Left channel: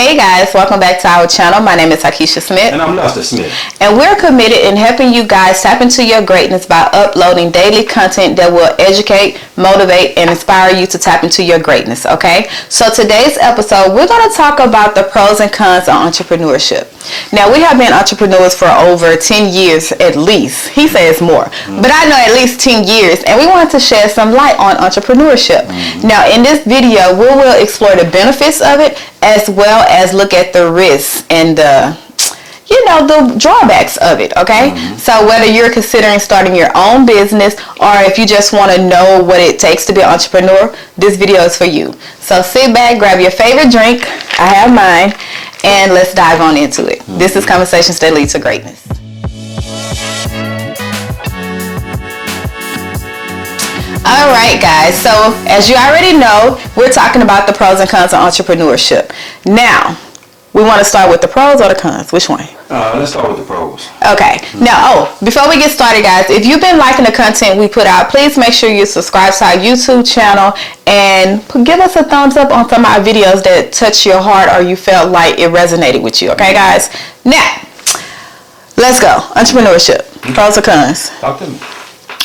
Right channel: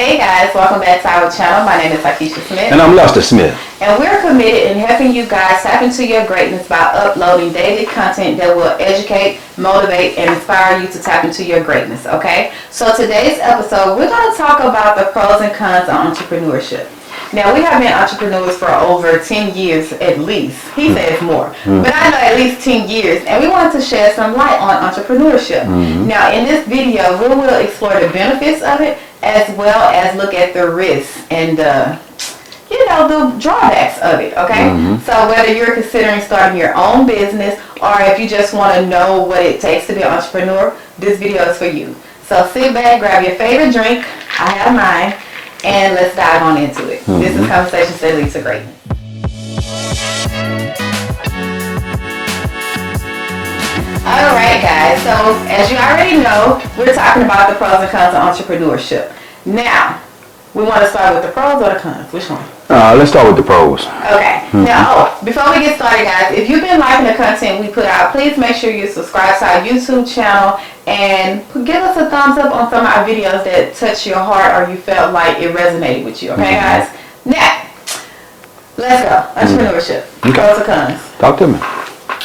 Hey guys, welcome back to our channel. My name is Takesha Smith. And I'm Lester Smith. And we're committed in helping you guys tap into your greatness by uploading daily content that will educate, motivate, and inspire you to tap into your greatness, okay? So today's episode, we're going to talk about the pros and cons of entrepreneurship. Now, we have been entrepreneurs for over 10 years at least. He says more. But I know at least 10 years. And we wanted to shed some light on entrepreneurship. Now, in this video, we will explore the benefits of it as well as look at the risks and the drawbacks of it, okay? So whether you're considering starting your own business or if you just want to know what it takes to be an entrepreneur, this video is for you. So sit back, grab your favorite drink. I have mine. And let's dive on into it. This is Conversations That Lead to Greatness. Alright guys, so as you already know, we're talking about the pros and cons of entrepreneurship. Now, we want to start with the pros or the cons? Which one? Let's start with the pros. Okay. Now, before we get started, guys, if you've been liking the content we put out, please make sure you subscribe to our YouTube channel and give us a thumbs up on some of our videos that touch your heart or you felt like it resonated with you. Okay, guys? Now, let's go. Entrepreneurship. Pros or cons? Talk to me.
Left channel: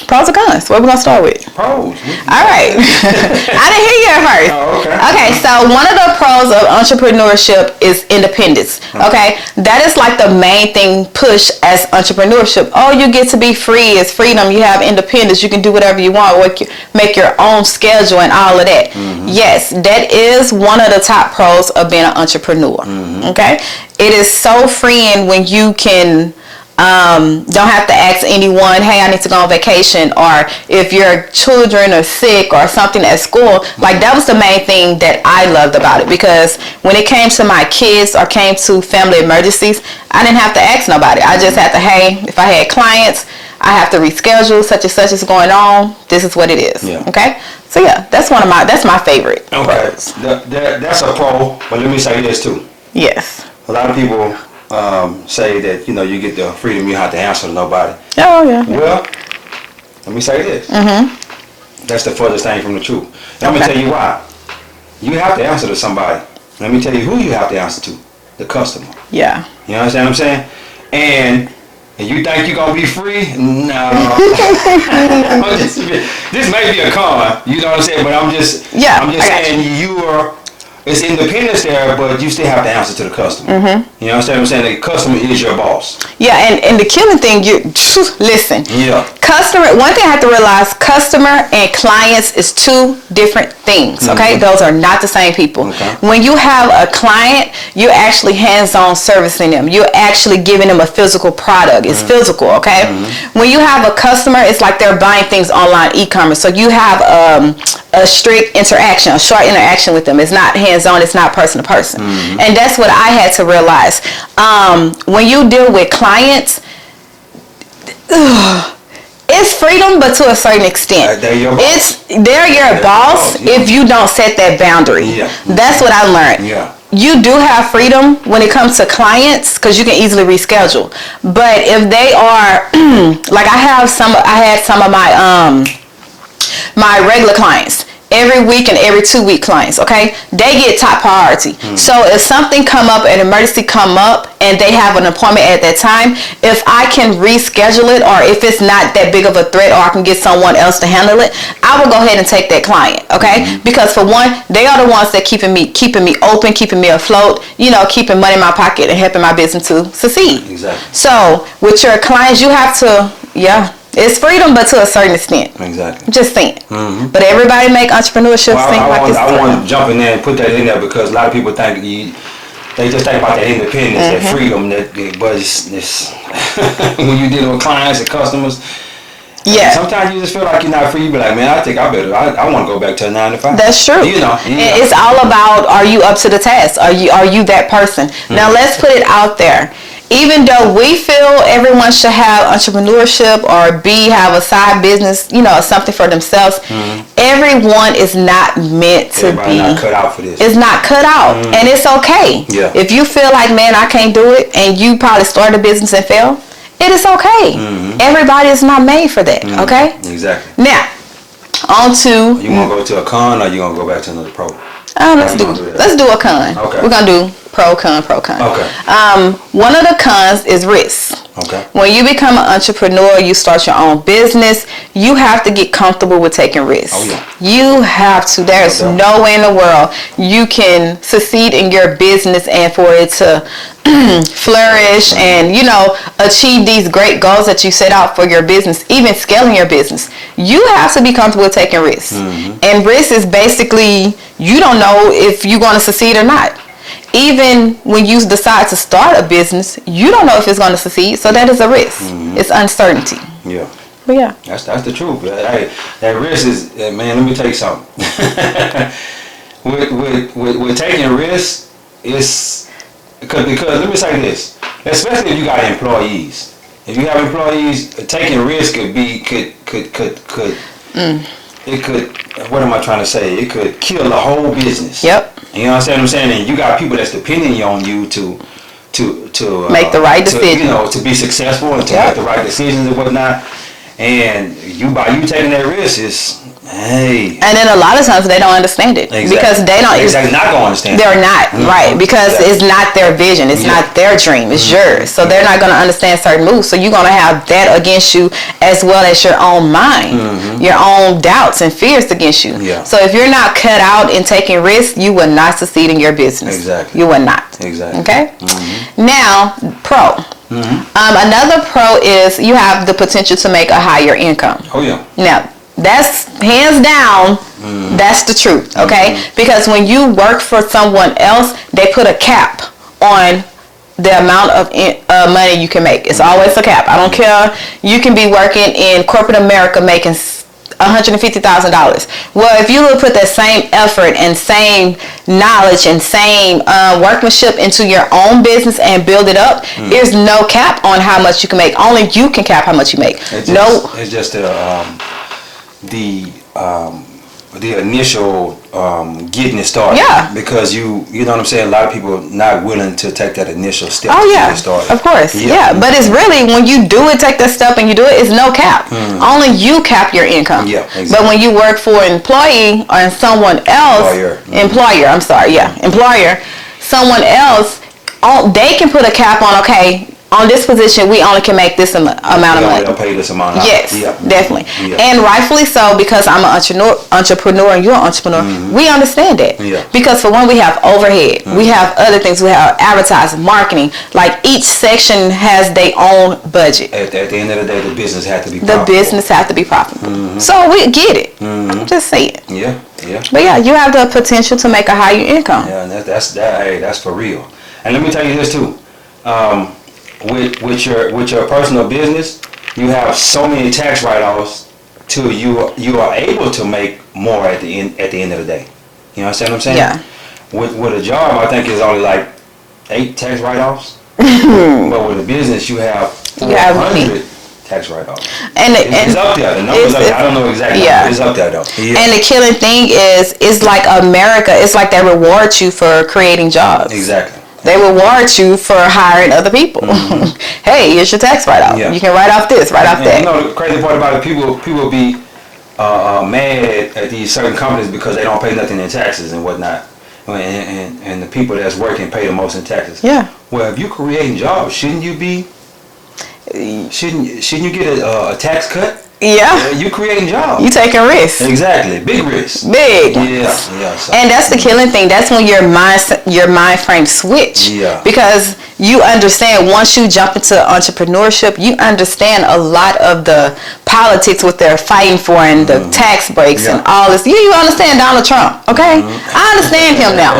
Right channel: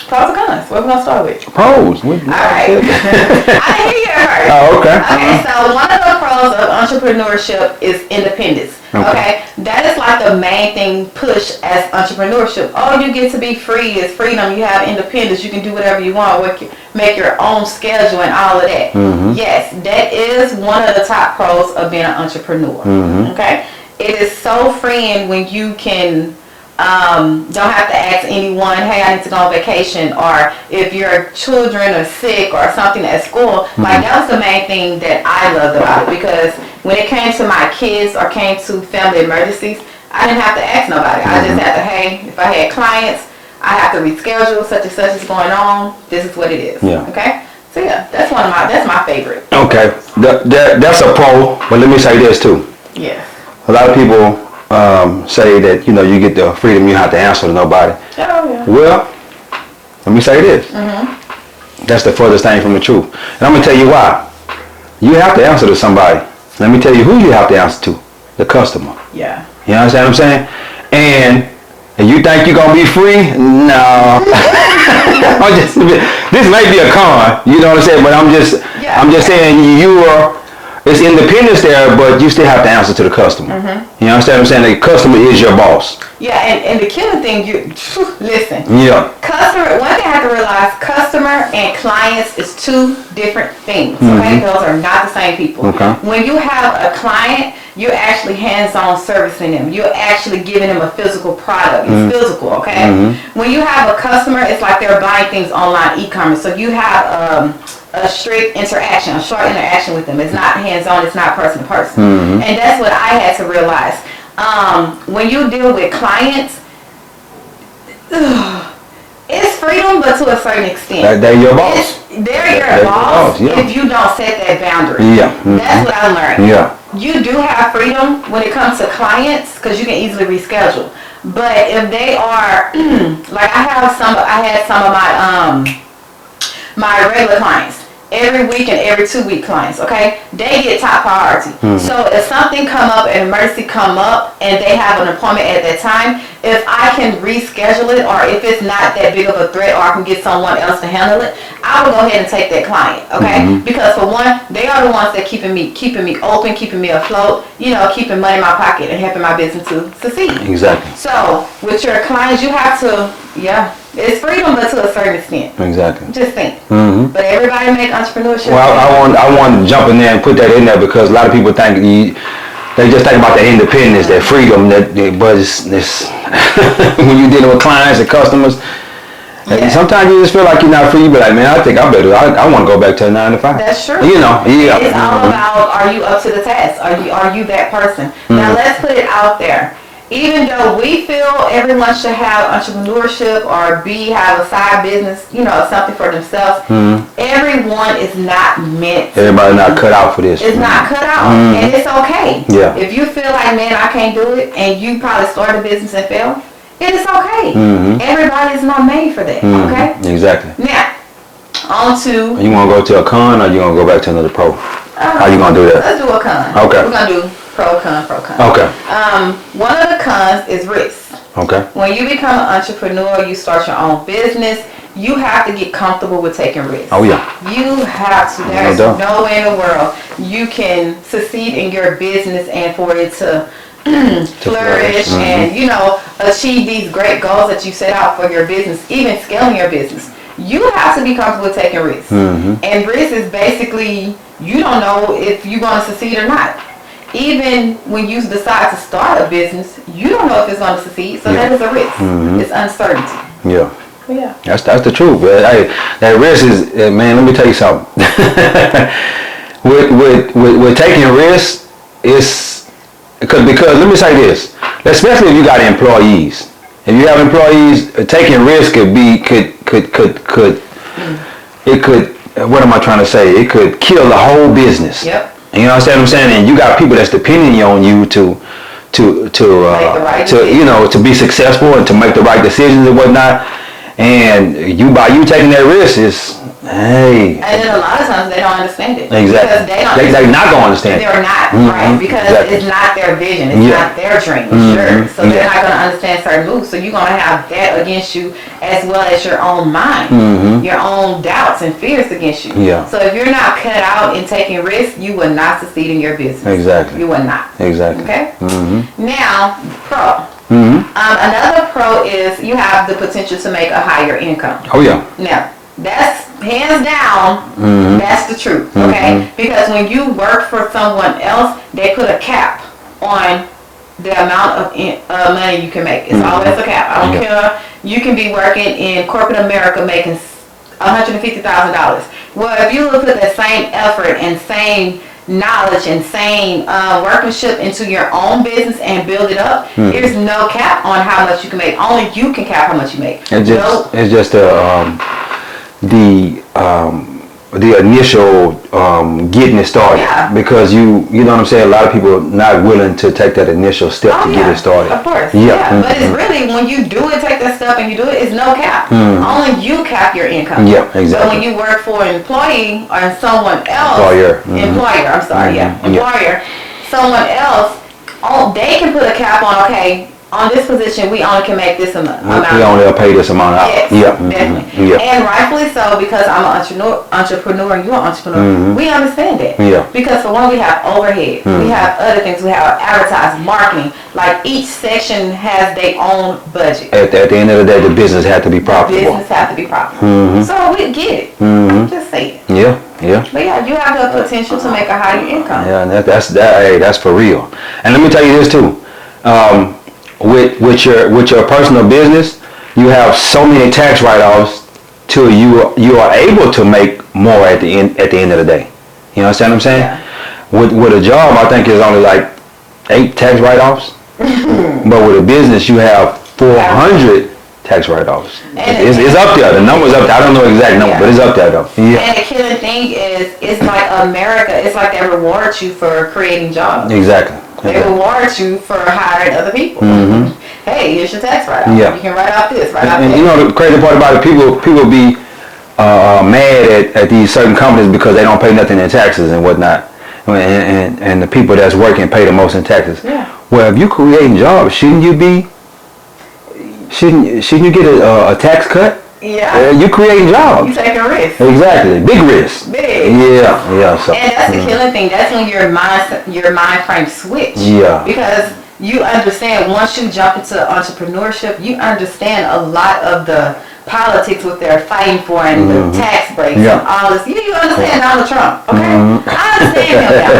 Pros or cons? What are we going to start with? Pros. All right. I didn't hear you at first. Oh, okay. Okay, so one of the pros of entrepreneurship is independence. Okay? That is like the main thing push as entrepreneurship. Oh, you get to be free. It's freedom. You have independence. You can do whatever you want. Make your own schedule and all of that. Yes, that is one of the top pros of being an entrepreneur. Okay? It is so freeing when you can don't have to ask anyone, hey, I need to go on vacation, or if your children are sick or something at school. Like, that was the main thing that I loved about it, because when it came to my kids or came to family emergencies, I didn't have to ask nobody. I just had to, hey, if I had clients, I have to reschedule, such and such is going on, this is what it is. Okay, so yeah, that's my favorite. Okay, that's a pro, but let me say this too. Yes. A lot of people say that, you get the freedom, you have to answer to nobody. Oh, yeah. Well, let me say this. That's the furthest thing from the truth. And I'm going to tell you why. You have to answer to somebody. Let me tell you who you have to answer to. The customer. Yeah. You understand what I'm saying? And you think you're going to be free? No. This may be a con, you know what I'm saying? But I'm just saying it's independence there, but you still have to answer to the customer. You understand what I'm saying? The customer is your boss. Yeah, and the killing thing, listen. Yeah. One thing I have to realize, customer and clients is two different things, okay? Those are not the same people. Okay. When you have a client, you're actually hands-on servicing them. You're actually giving them a physical product. It's physical, okay? When you have a customer, it's like they're buying things online, e-commerce. So you have a strict interaction, a short interaction with them. It's not hands-on, it's not person to person. And that's what I had to realize. When you deal with clients, it's freedom, but to a certain extent. They're your boss. They're your boss if you don't set that boundary. That's what I learned. You do have freedom when it comes to clients because you can easily reschedule. But if they are, like I had some of my regular clients, every week and every 2 week clients, okay, they get top priority. So if something come up, an emergency come up and they have an appointment at that time, if I can reschedule it, or if it's not that big of a threat, or I can get someone else to handle it, I will go ahead and take that client, okay? Because for one, they are the ones that keeping me open, keeping me afloat, keeping money in my pocket and helping my business to succeed. Exactly. So with your clients, you have to, it's freedom, but to a certain extent. Exactly. Just saying. But everybody make entrepreneurship. Well, I want to jump in there and put that in there because a lot of people think they just think about the independence, that freedom, but it's when you're dealing with clients and customers. Yeah. Sometimes you just feel like you're not free. You be like, man, I think I want to go back to a 9 to 5. That's true. It's all about, are you up to the task? Are you that person? Now let's put it out there. Even though we feel everyone should have entrepreneurship or have a side business, something for themselves, everyone is not meant to Everybody's not cut out for this. It's not cut out. And it's okay. Yeah. If you feel like, man, I can't do it, and you probably start a business and fail, it is okay. Everybody is not made for that, okay? Exactly. Now, on to... You want to go to a con or you going to go back to another pro? How you going to do that? Let's do a con. Okay. We're going to do Pro, con. Okay. One of the cons is risk. Okay. When you become an entrepreneur, you start your own business, you have to get comfortable with taking risks. Oh, yeah. You have to. There's no way in the world you can succeed in your business and for it to flourish and, you know, achieve these great goals that you set out for your business, even scaling your business. You have to be comfortable with taking risks. And risk is basically, you don't know if you're going to succeed or not. Even when you decide to start a business, you don't know if it's going to succeed. So that is a risk. It's uncertainty. Yeah. But yeah. That's the truth. Hey, that risk is, man, let me tell you something. with taking risks, it's because let me say this, especially if you got employees. If you have employees, taking risk could what am I trying to say? It could kill the whole business. Yep. You know what I'm saying? And you got people that's depending on you to make the right decision. You know, to be successful and to make the right decisions and whatnot. And by you taking that risk is, hey. And then a lot of times they don't understand it. Exactly. Because they don't. They're not going to understand They're not, right. Because it's not their vision. It's not their dream. It's yours. So they're not going to understand certain moves. So you're going to have that against you as well as your own mind. Your own doubts and fears against you. Yeah. So if you're not cut out in taking risks, you will not succeed in your business. Exactly. You will not. Exactly. Okay? Now, pro. Another pro is you have the potential to make a higher income. Oh, yeah. Now, that's hands down, that's the truth, okay? Because when you work for someone else, they put a cap on the amount of money you can make. It's always a cap. I don't care. You can be working in corporate America making $150,000. Well, if you would put that same effort and same knowledge and same workmanship into your own business and build it up, there's no cap on how much you can make. Only you can cap how much you make. It's just the initial getting it started. Yeah. Because you know what I'm saying, a lot of people not willing to take that initial step to get it started. Of course. Yeah. But it's really, when you do it, take that step and you do it, it's no cap. Only you cap your income. Yeah, exactly. But when you work for an employee or someone else, employer, someone else, they can put a cap on, okay, on this position, we only can make this amount of money. We only pay this amount. Yes, definitely. Yeah. And rightfully so, because I'm an entrepreneur and you're an entrepreneur. We understand that. Yeah. Because for one, we have overhead. We have other things. We have advertising, marketing. Like each section has their own budget. At the end of the day, the business has to be profitable. The business has to be profitable. So we get it. I'm just saying. Yeah. But yeah, you have the potential to make a higher income. Yeah, and that's for real. And let me tell you this too. With your personal business, you have so many tax write-offs till you are able to make more at the end of the day. You understand what I'm saying? Yeah. With a job, I think it's only like 8 tax write-offs. But with a business, you have 400 tax write-offs. And it's up there. The number's up there. I don't know exactly, but it's up there though. Yeah. And the killing thing is, it's like America. It's like they reward you for creating jobs. Exactly. They reward you for hiring other people. Hey, here's your tax write-off. Yeah. You can write off this, write off that. You know the crazy part about it, people be mad at these certain companies because they don't pay nothing in taxes and whatnot. And the people that's working pay the most in taxes. Yeah. Well, if you creating jobs, shouldn't you get a tax cut? Yeah. You creating jobs. You taking risks. Exactly. Big risks. Big. Yeah. So, and that's the killing thing. That's when your mind frame switch. Yeah. Because you understand, once you jump into entrepreneurship, you understand a lot of the politics, what they're fighting for, and the tax breaks and all this. You understand Donald Trump, okay? I understand him now.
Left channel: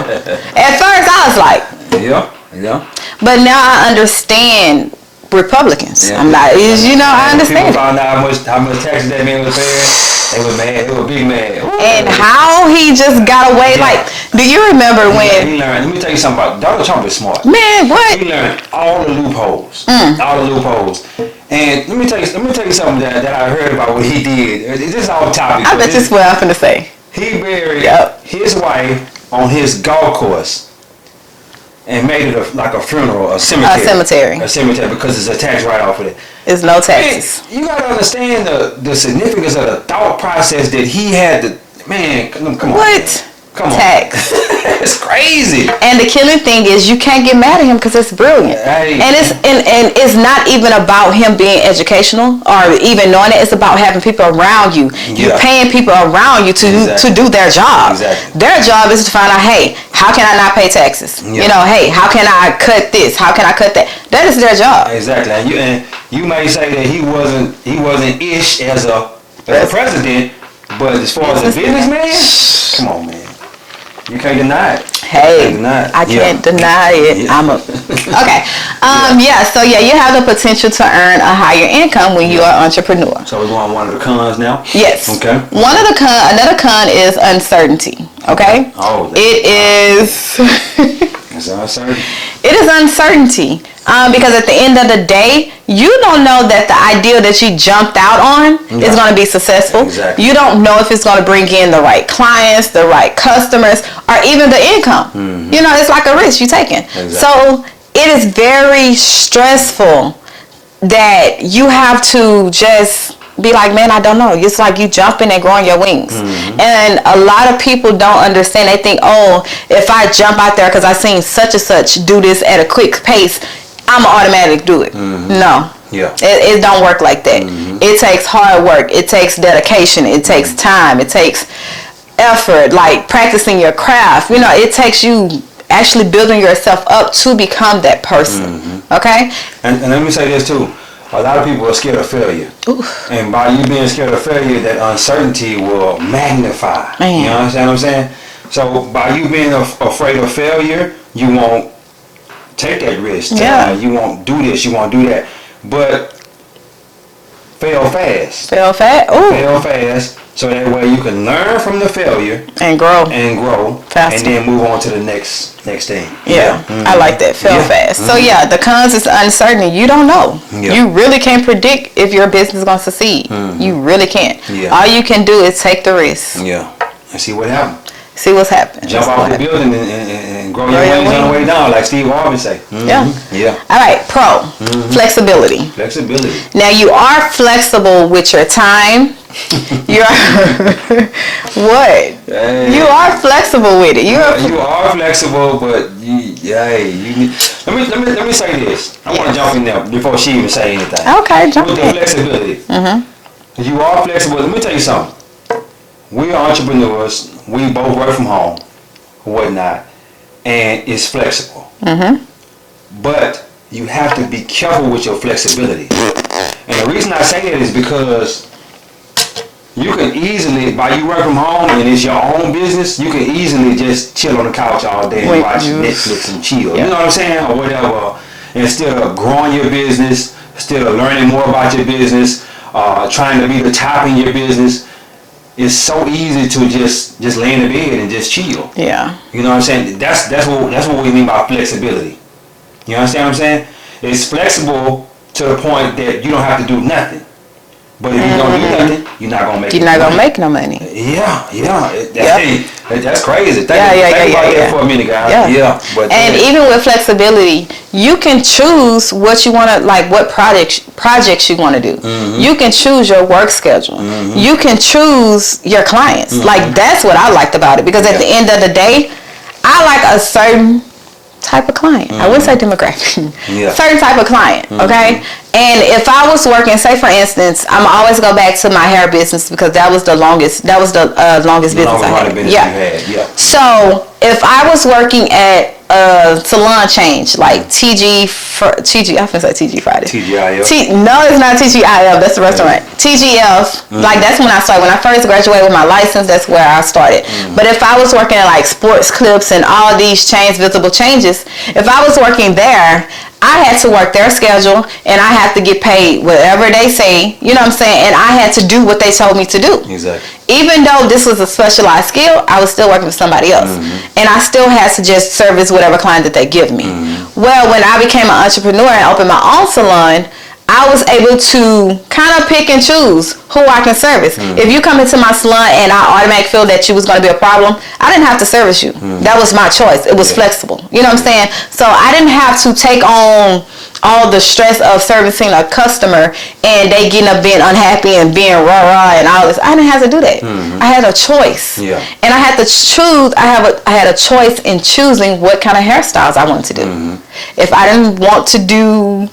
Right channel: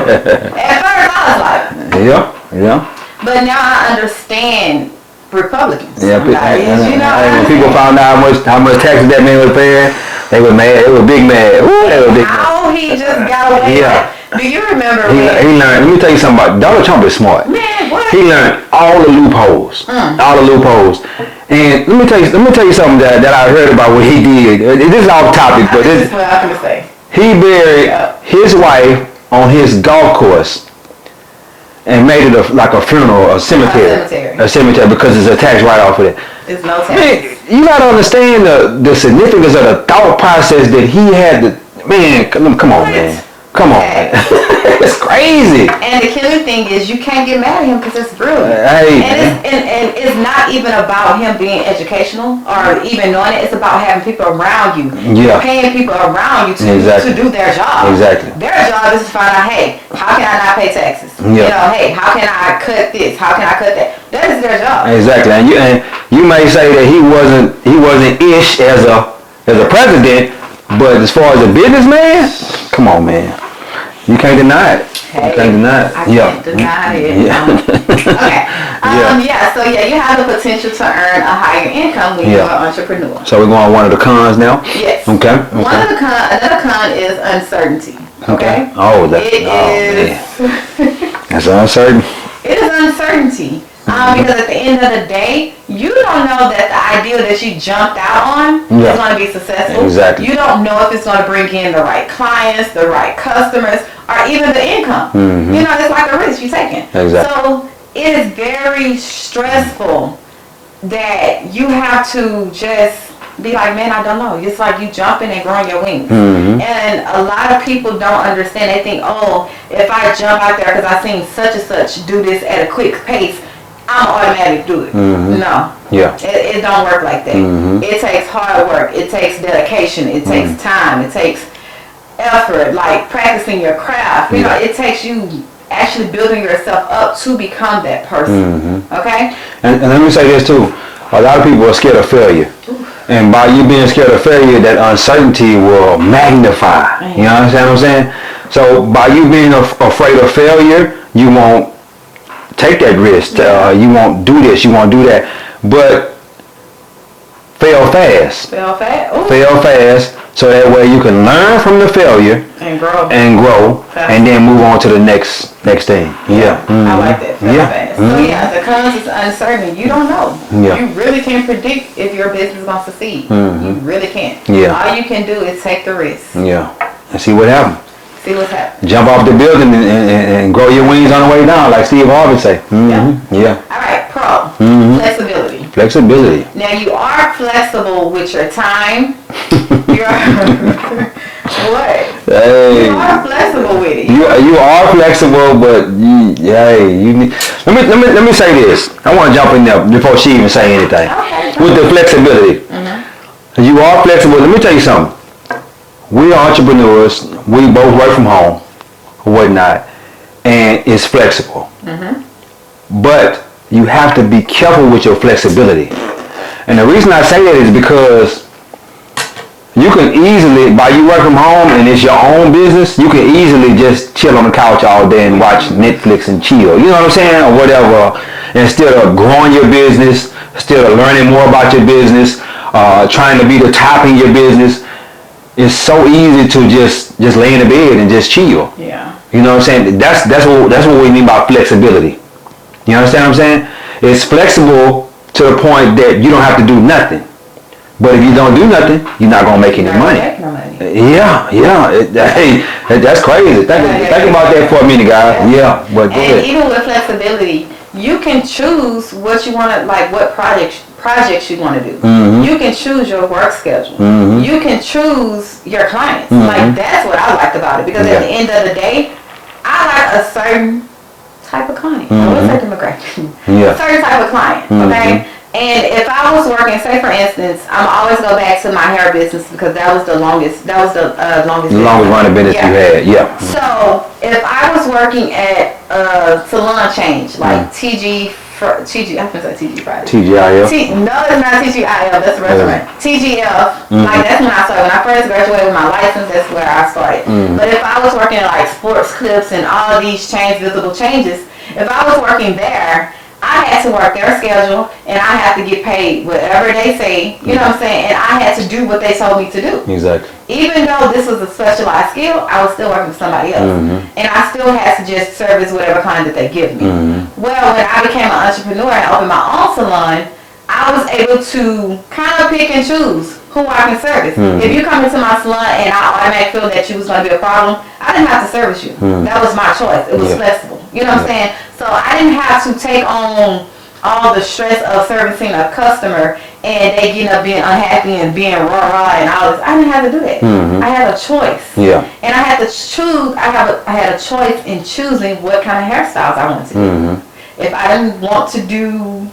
At first, I was like, yeah. But now I understand Republicans. Yeah, I'm like, I understand. People found out how much taxes that man was paying. They were mad. They were big mad. And how he just got away. Like, do you remember when he learned? Let me tell you something about Donald Trump. Is smart. Man, what? He learned all the loopholes. All the loopholes. And let me tell you something that I heard about what he did. This is off topic. I bet this is what I'm gonna say. He buried his wife on his golf course. And made it like a funeral, a cemetery. A cemetery because it's a tax write-off for it. It's no tax. Man, you gotta understand the significance of the thought process that he had to, man, come on, man. Come on. tax. It's crazy. And the killing thing is you can't get mad at him because it's brilliant. Hey. And it's not even about him being educational or even knowing it. It's about having people around you. You're paying people around you to do their job. Exactly. Their job is to find out, hey, how can I not pay taxes? You know, hey, how can I cut this? How can I cut that? That is their job. Exactly. And you may say that he wasn't ish as a president, but as far as a businessman, come on, man. You can't deny it. Hey, I can't deny it. Yeah. So you have the potential to earn a higher income when you're an entrepreneur. So we're going on one of the cons now? Yes. Okay. Another con is uncertainty. Okay. Oh, that's uncertain. It is uncertainty. Because at the end of the day, you don't know that the idea that you jumped out on is going to be successful. Exactly. You don't know if it's going to bring in the right clients, the right customers, or even the income. Mm-hmm. You know, it's like a risk you're taking. Exactly. So it is very stressful that you have to just be like, man, I don't know. It's like you jumping and growing your wings. Mm-hmm. And a lot of people don't understand. They think, oh, if I jump out there because I seen such and such do this at a quick pace, I'm going to automatically do it. Mm-hmm. No. Yeah. It don't work like that. Mm-hmm. It takes hard work. It takes dedication. It takes time. It takes effort, like practicing your craft. You know, it takes you actually building yourself up to become that person. Mm-hmm. Okay? And let me say this too. A lot of people are scared of failure. Oof. And by you being scared of failure, that uncertainty will magnify. Man. You understand what I'm saying? So by you being afraid of failure, you won't take that risk. Yeah. You won't do this. You won't do that. But fail fast. Fail fast. Ooh. Fail fast. So that way you can learn from the failure and grow faster. And then move on to the next thing. Yeah. Mm-hmm. I like that. Fail fast. Mm-hmm. So the cons is uncertainty. You don't know. Yeah. You really can't predict if your business is going to succeed. Mm-hmm. You really can't. Yeah. All you can do is take the risk. Yeah. And see what happens. See what's happening. Jump off the building and grow your wings on the way down, like Steve Harvey say. Mm-hmm. Yeah. All right. Flexibility. Flexibility. Now you are flexible with your time. You're what? Hey. You are flexible with it. You are flexible, but let me say this. I want to jump in there before she even say anything. Okay. With the flexibility. Mm-hmm. You are flexible. Let me tell you something. We are entrepreneurs. We both work from home, or whatnot, and it's flexible. Mm-hmm. But you have to be careful with your flexibility. And the reason I say that is because you can easily, by you work from home and it's your own business, you can easily just chill on the couch all day and watch Netflix and chill. You know what I'm saying? Or whatever. Instead of growing your business, instead of learning more about your business, trying to be the top in your business, it's so easy to just lay in the bed and just chill. Yeah. You know what I'm saying? That's what we mean by flexibility. You understand what I'm saying? It's flexible to the point that you don't have to do nothing. But if you don't do nothing, you're not gonna make any money. You're not gonna make no money. Yeah. Hey, that's crazy. Think about that for a minute, guys. Yeah. And even with flexibility, you can choose what you want to, like what projects you want to do. Mm-hmm. You can choose your work schedule. Mm-hmm. You can choose your clients. Mm-hmm. Like that's what I liked about it, because at the end of the day, I like a certain type of client. I would say demographic. Certain type of client. Okay. And if I was working, say for instance, I'm always go back to my hair business because that was the longest business. Longest running business you had. Yeah. So if I was working at a salon change like TG, I think say TG Friday. TGIF. No, it's not TGIF. That's the restaurant. TGF. Like that's when I started. When I first graduated with my license, that's where I started. But if I was working at like Sports Clips and all these chains, Visible Changes, if I was working there, I had to work their schedule and I had to get paid whatever they say, you know what I'm saying? And I had to do what they told me to do. Exactly. Even though this was a specialized skill, I was still working with somebody else. And I still had to just service whatever client that they give me. Well, when I became an entrepreneur and opened my own salon, I was able to kind of pick and choose who I can service. If you come into my salon and I automatically feel that you was going to be a problem, I didn't have to service you. That was my choice. It was flexible. You know what I'm saying? So I didn't have to take on all the stress of servicing a customer and they getting up being unhappy and being rah and all this. I didn't have to do that. I had a choice. Yeah. And I had to choose. I had a choice in choosing what kind of hairstyles I wanted to do. If I didn't want to do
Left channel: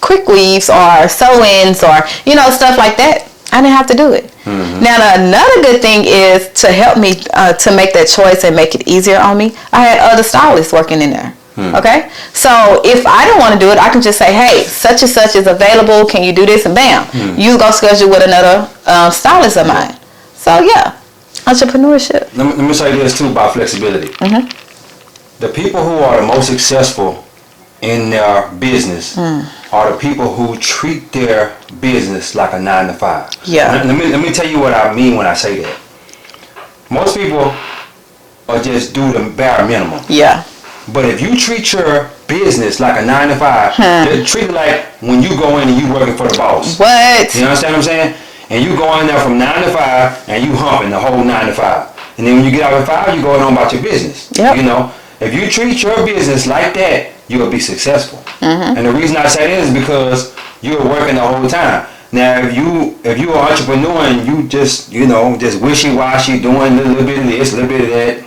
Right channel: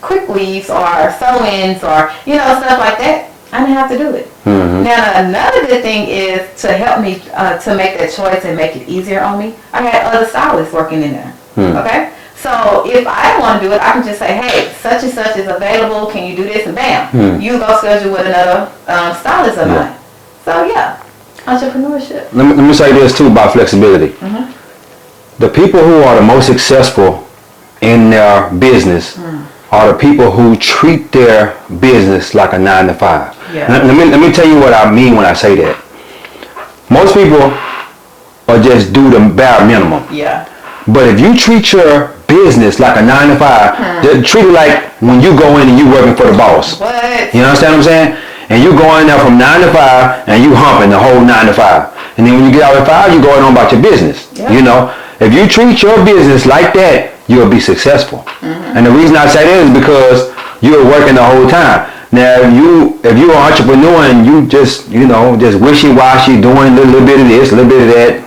quick weaves or sew-ins or stuff like that, I didn't have to do it. Now another good thing is to help me to make that choice and make it easier on me. I had other stylists working in there. Okay, so if I don't want to do it, I can just say, hey, such and such is available. Can you do this? And bam, you go schedule with another stylist of mine. So yeah, entrepreneurship. Let me say this too about flexibility. The people who are most successful in their business are the people who treat their business like a 9-to-5. Yeah. Let me tell you what I mean when I say that. Most people are just do the bare minimum. Yeah. But if you treat your business like a 9-to-5, treat it like when you go in and you working for the boss. What? You understand what I'm saying? And you go in there from 9 to 5 and you humping the whole 9 to 5. And then when you get out at 5, you going on about your business. Yep. If you treat your business like that, you'll be successful. And the reason I say that is because you're working the whole time. Now, if you're an entrepreneur and you just wishy-washy doing a little bit of this, a little bit of that,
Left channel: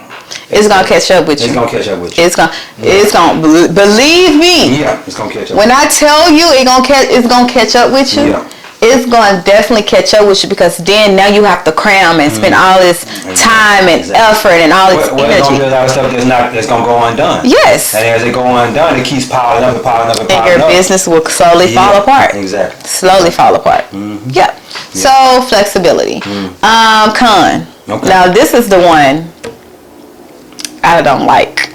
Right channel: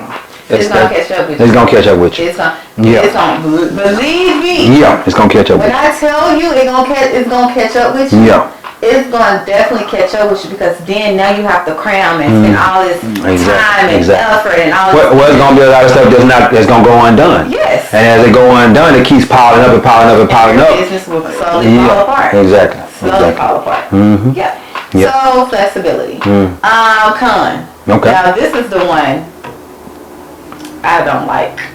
it's gonna catch up with you. It's gonna catch up with you. It's gonna believe me. Yeah, it's gonna catch up. When I tell you it's gonna catch up with you. Yeah. It's gonna definitely catch up with you because then now you have to cram and spend all this time and effort and all this energy. Well, it's gonna be a lot of stuff that's gonna go undone. Yes. And as it go undone, it keeps piling up and piling up and piling up. And your business will slowly fall apart. Exactly. Slowly fall apart. Yeah. So flexibility. Con. Okay. Now this is the one I don't like.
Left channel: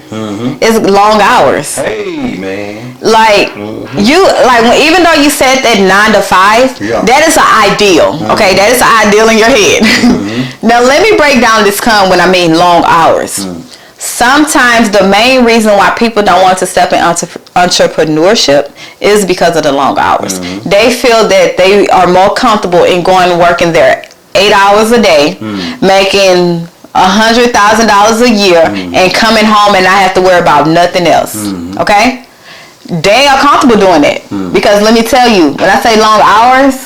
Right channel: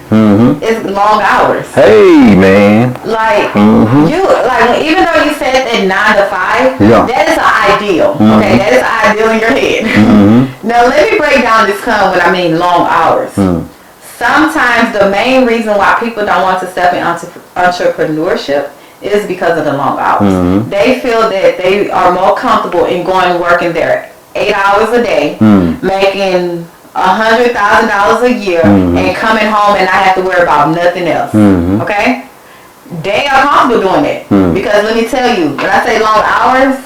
It's long hours. Hey man. Like even though you said that 9 to 5, that is an ideal. Okay, that is an ideal in your head. Now let me break down this con when I mean long hours. Sometimes the main reason why people don't want to step in entrepreneurship is because of the long hours. They feel that they are more comfortable in going and working there 8 hours a day, making $100,000 a year and coming home and not have to worry about nothing else. Okay? They are comfortable doing that. Because let me tell you, when I say long hours,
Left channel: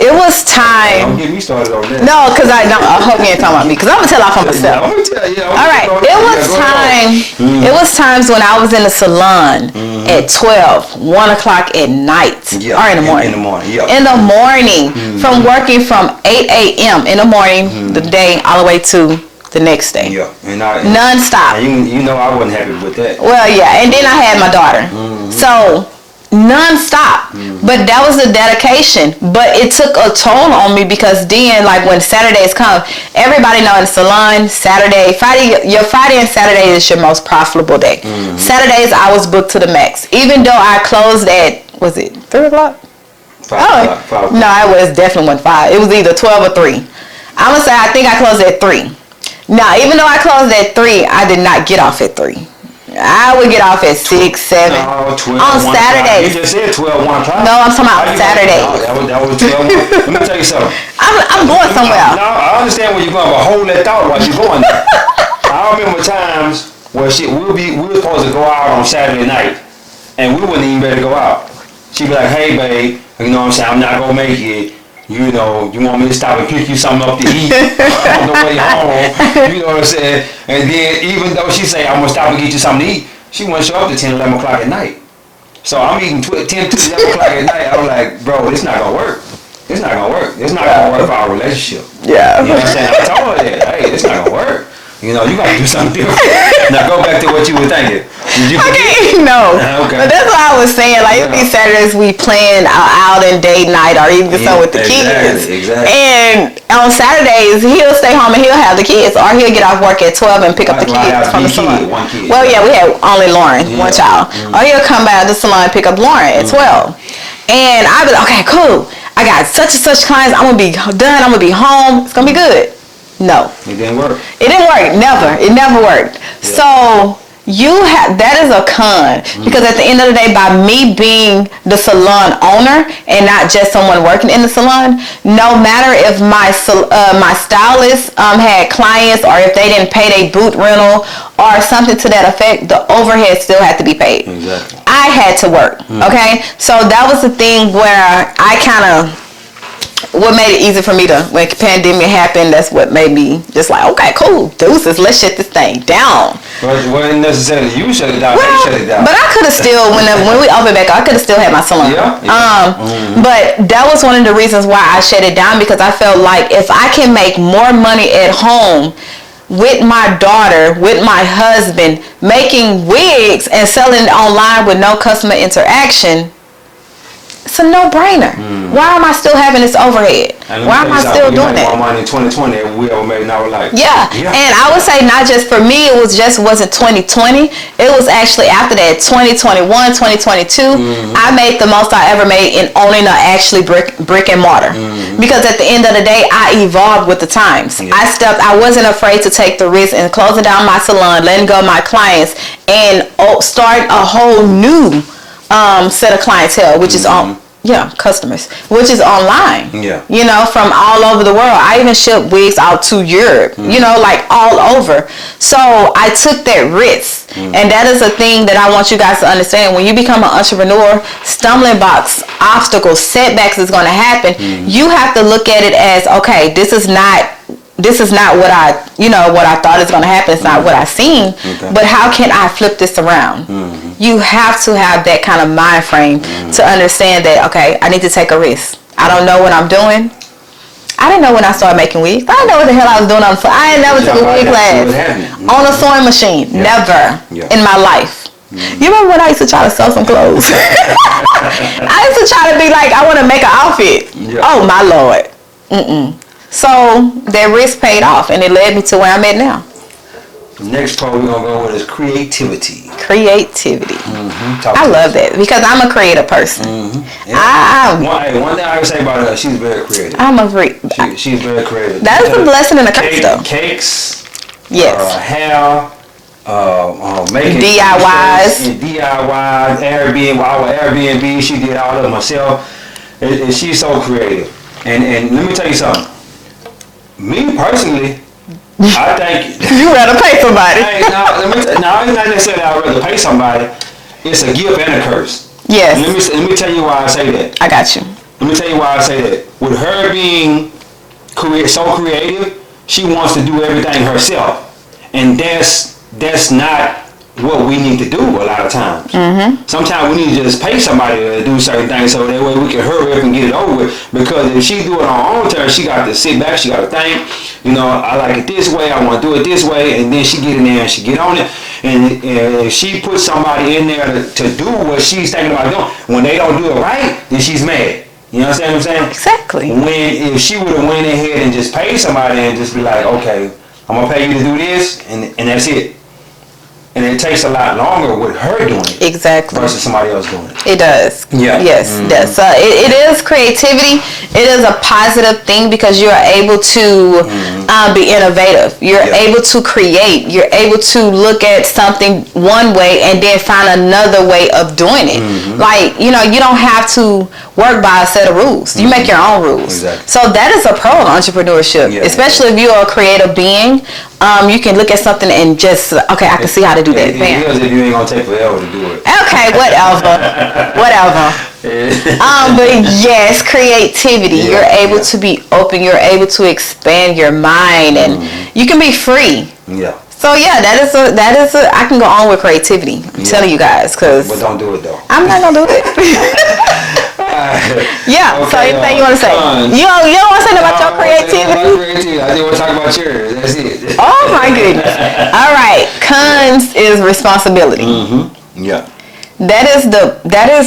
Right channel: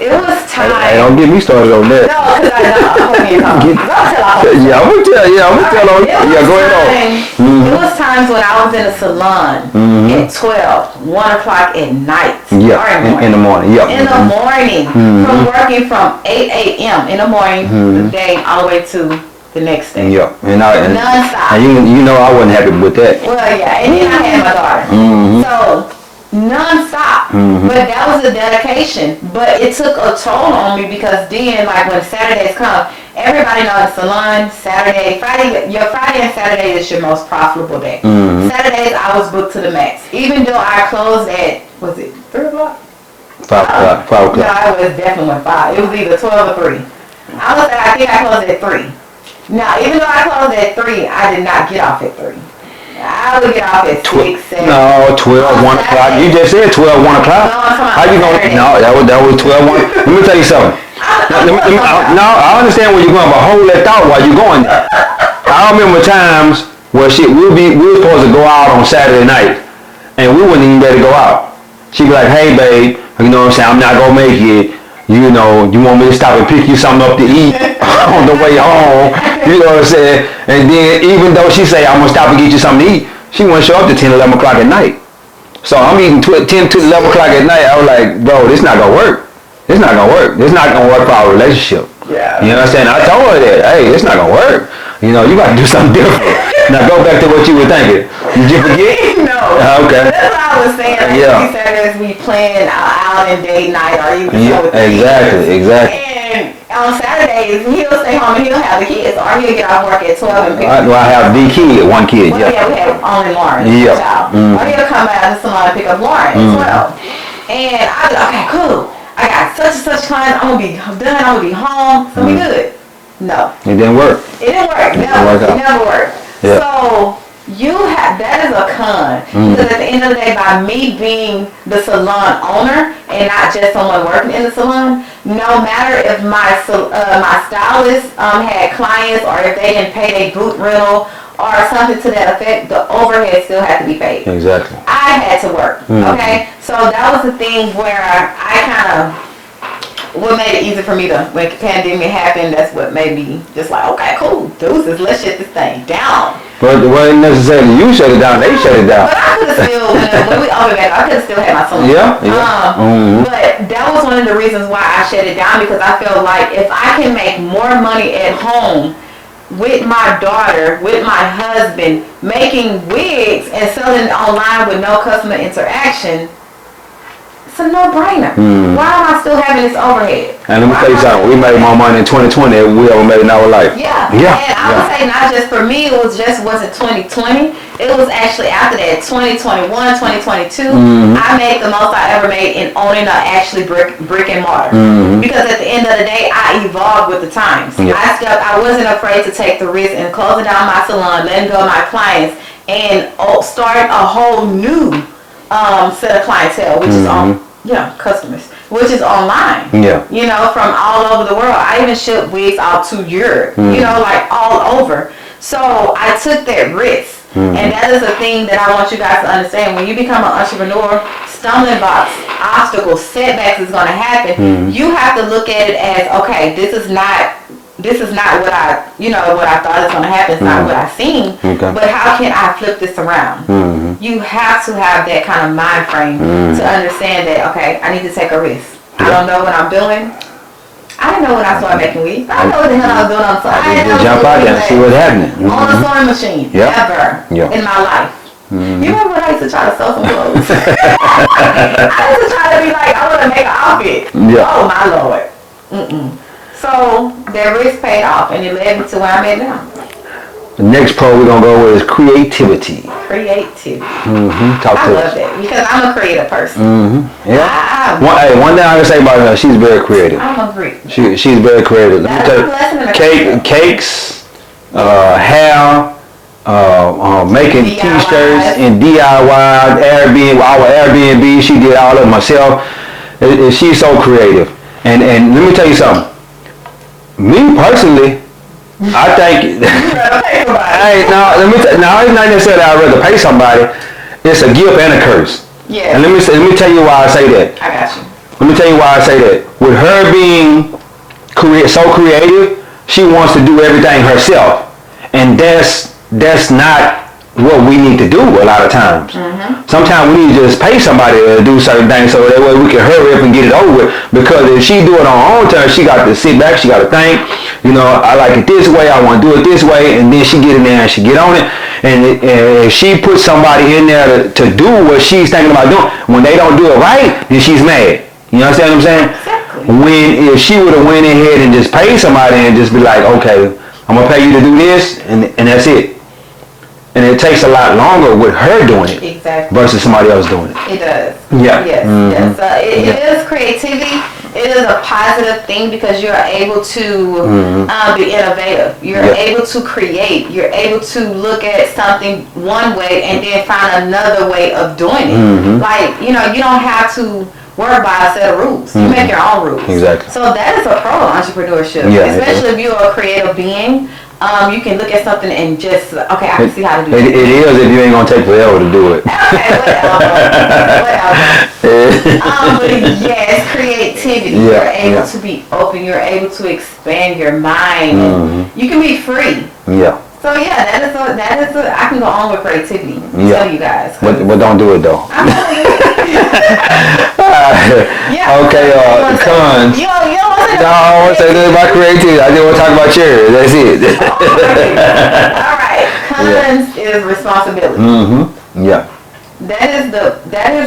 it was time. Hey, don't get me started on that. No, because I hope you ain't talking about me. Because I'm going to tell off on the stuff. Yeah, I'm going to tell you. It was times when I was in the salon at 12, 1 o'clock at night. Yeah, or in the morning. In the morning. From working from 8 a.m. in the morning, the day, all the way to the next day. Yeah. Non-stop. And I wasn't happy with that. Well, yeah. And then I had my daughter. So non-stop, but that was a dedication, but it took a toll on me because then like when Saturdays come, everybody knows the salon your Friday and Saturday is your most profitable day. Saturdays I was booked to the max, even though I closed at, was it 3 o'clock? 5 o'clock. No, I was definitely 5. It was either 12 or 3. I would say I think I closed at 3. Now even though I closed at 3, I did not get off at 3. I would get off at 6, 7. No, 12, on 1 o'clock. You just said 12, 1 o'clock. No, I'm talking about Saturday. No, that was 12, 1. Let me tell you something. I'm going somewhere. No, I understand where you're going, but hold that thought while you're going there. I remember times where we were supposed to go out on Saturday night, and we wouldn't even be able to go out. She'd be like, hey, babe, you know what I'm saying, I'm not going to make it. You want me to stop and pick you something up to eat on the way home. You know what I'm saying? And then even though she say, I'm going to stop and get you something to eat, she won't show up to 10, 11 o'clock at night. So I'm eating 10 to 11 o'clock at night. I was like, bro, this not going to work. This not going to work. This not going to work for our relationship. Yeah. You know what I'm saying? I told her that, hey, this not going to work. You got to do something different. Now go back to what you were thinking. Did you forget? No. Okay. But that's what I was saying. Like, these Saturdays we plan out and date night or even so with the kids. Exactly. And on Saturdays, he'll stay home and he'll have the kids. Or he'll get off work at 12 and pick up the kids. I have one kid. Well, we have only Lauren, one child. Or he'll come out of the salon and pick up Lauren at 12. And I was okay, cool. I got such and such clients. I'm going to be done. I'm going to be home. It's going to be good. No. It didn't work. It didn't work. Never. It never worked. Yeah. So that is a con, because at the end of the day, by me being the salon owner and not just someone working in the salon, no matter if my stylist had clients or if they didn't pay their boot rental or something to that effect, the overhead still had to be paid. Exactly. I had to work. Okay, so that was the thing where I kind of, what made it easy for me to, when the pandemic happened, that's what made me just like, okay, cool, deuces, let's shut this thing down. Well, it wasn't necessarily you shut it down, they shut it down. But I could have still, when we opened back, I could have still had my salon. But that was one of the reasons why I shut it down, because I felt like if I can make more money at home with my daughter, with my husband, making wigs and selling it online with no customer interaction, it's a no-brainer. Why am I still having this overhead? And let me tell you something, we made more money in 2020 than we ever made in our life. Yeah. And I would say not just for me, it wasn't 2020. It was actually after that, 2021, 2022. I made the most I ever made in owning actually brick and mortar. Because at the end of the day, I evolved with the times. I wasn't afraid to take the risk and closing down my salon, letting go of my clients, and start a whole new set of clientele, which is customers, which is online. You know, from all over the world. I even shipped wigs out to Europe, you know, like all over. So I took that risk. And that is a thing that I want you guys to understand. When you become an entrepreneur, stumbling blocks, obstacles, setbacks is going to happen. You have to look at it as, okay, this is not what I thought is going to happen. It's not what I seen. But how can I flip this around? You have to have that kind of mind frame to understand that, okay, I need to take a risk. I don't know what I'm doing. I didn't know when I started making wigs. I didn't know what the hell I was doing on the phone. I didn't know took a wig class on a sewing machine. Never in my life. You remember when I used to try to sew some clothes? I used to try to be like, I want to make an outfit. Oh my Lord. So that risk paid off, and it led me to where I'm at now. The next part we're going to go with is creativity. Creativity. I love that, because I'm a creative person. One thing I can say about her, she's very creative. I'm a freak. She's very creative. That is a blessing and a curse. Cakes, hair, making DIYs. T-shirts and DIY, Airbnb. She did all of it herself. She's so creative. And let me tell you something. Me personally, I think you rather pay somebody. Now it's not necessarily I'd rather pay somebody. It's a gift and a curse. Yes. And let me tell you why I say that. I got you. Let me tell you why I say that. With her being so creative, she wants to do everything herself, and that's not what we need to do a lot of times. Sometimes we need to just pay somebody to do certain things so that way we can hurry up and get it over with. Because if she do it on her own turn, she got to sit back, she got to think, you know, I like it this way, I want to do it this way, and then she get in there and she get on it. And if she puts somebody in there to do what she's thinking about doing, when they don't do it right, then she's mad. You understand what I'm saying? Exactly. If she would have went ahead and just paid somebody and just be like, okay, I'm going to pay you to do this, and that's it. And it takes a lot longer with her doing it. Exactly. Versus somebody else doing it. It does. Yeah. Yes. Yes. It is creativity. It is a positive thing, because you're able to be innovative. You're able to create. You're able to look at something one way and then find another way of doing it. Like, you know, you don't have to work by a set of rules. You make your own rules. Exactly. So that is a pro in entrepreneurship, especially if you're a creative being. You can look at something and just, okay, I can see how to do that. It is if you ain't gonna take forever to do it. Okay, whatever. But yes, creativity. You're able to be open. You're able to expand your mind, and you can be free. Yeah. So that is a. I can go on with creativity. I'm telling you guys, but don't do it though. I'm not gonna do it. Okay. So you want to say? You don't want to say about your creativity. About creativity. I just want to talk about yours. That's it. Oh my goodness. All right. Cons is responsibility. Yeah. That is.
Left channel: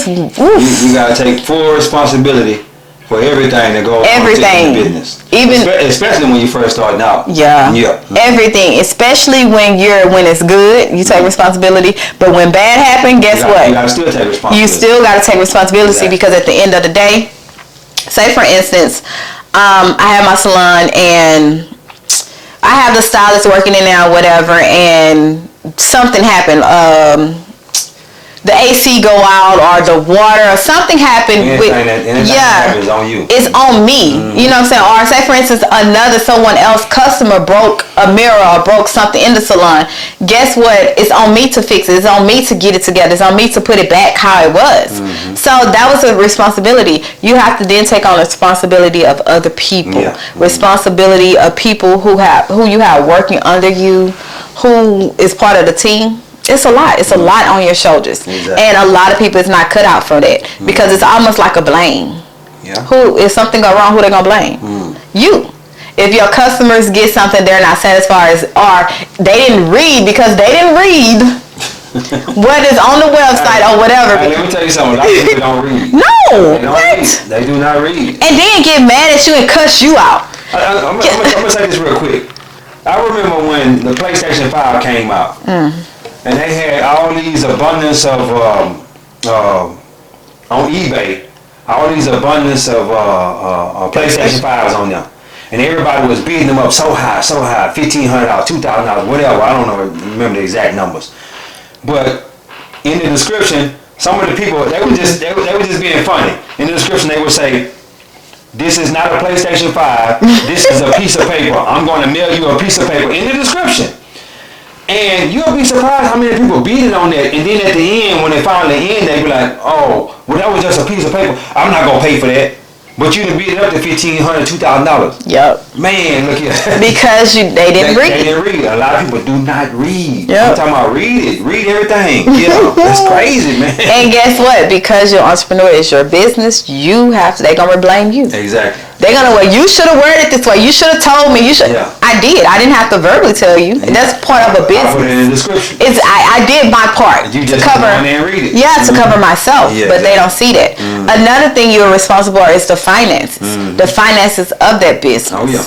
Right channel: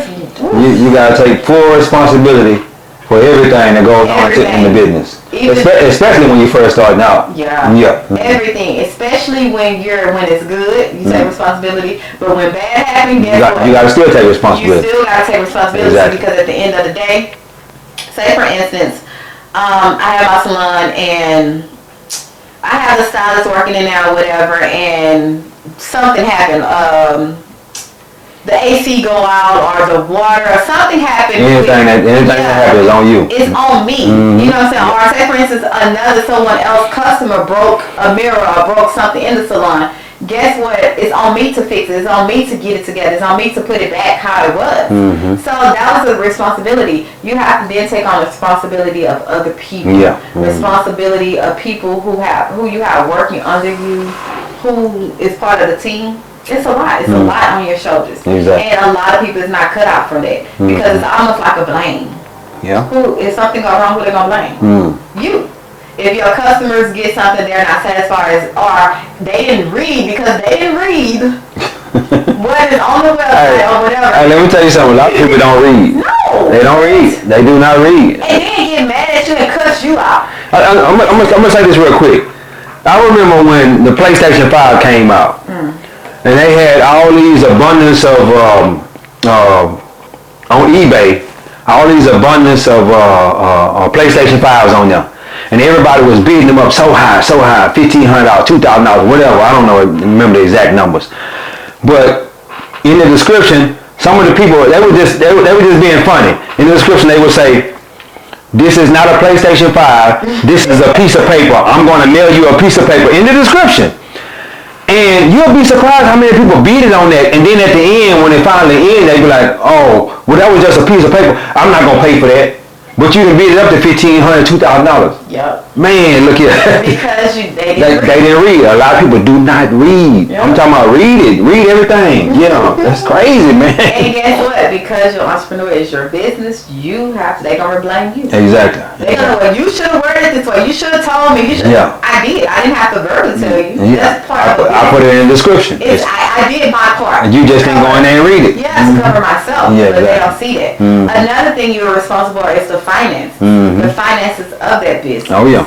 You gotta take full responsibility for everything that goes on in the business. Especially when you first starting out. Everything, especially when it's good, you take responsibility. But when bad happens, guess what? You gotta still take responsibility. You still gotta take responsibility, because at the end of the day, say for instance, I have my salon and I have the stylist working in there or whatever, and something happened. The AC go out or the water or something happened. Anything that happens is on you. It's on me. You know what I'm saying? Or say, for instance, someone else customer broke a mirror or broke something in the salon. Guess what? It's on me to fix it. It's on me to get it together. It's on me to put it back how it was. So that was a responsibility. You have to then take on responsibility of other people. Responsibility of people who you have working under you, who is part of the team. It's a lot. It's a lot on your shoulders. Exactly. And a lot of people is not cut out for that because it's almost like a blame. Yeah. If something go wrong, who they gonna blame? You. If your customers get something they're not satisfied or they didn't read because they didn't read what is on the website or whatever. Hey, let me tell you something. A lot of people don't read. No. They don't read. They do not read. And then get mad at you and cuss you out. I'm gonna say this real quick. I remember when the PlayStation 5 came out. And they had all these abundance of on eBay, all these abundance of PlayStation 5s on there, and everybody was bidding them up so high, $1,500, $2,000, whatever. I don't know, remember the exact numbers. But in the description, some of the people they were just being funny. In the description, they would say, "This is not a PlayStation 5. This is a piece of paper. I'm going to mail you a piece of paper." In the description. And you'll be surprised how many people beat it on that. And then at the end, when they finally end, they be like, "Oh, well, that was just a piece of paper. I'm not going to pay for that." But you done beat it up to $1,500, $2,000. Yep. Man, look at Because they didn't read. They didn't read. A lot of people do not read. Yep. I'm talking about read it. Read everything. That's crazy, man. And guess what? Because your entrepreneur is your business, they gonna blame you. Exactly. They're gonna, well, you should have worded it this way. You should have told me. You should. Yeah. I did. I didn't have to verbally tell you. Yeah. That's part of a business. I put it in the description. I did my part. You just go in there and read it. Yeah, to cover myself. But they don't see that. Another thing you're responsible for is the finances. The finances of that business. Oh yeah.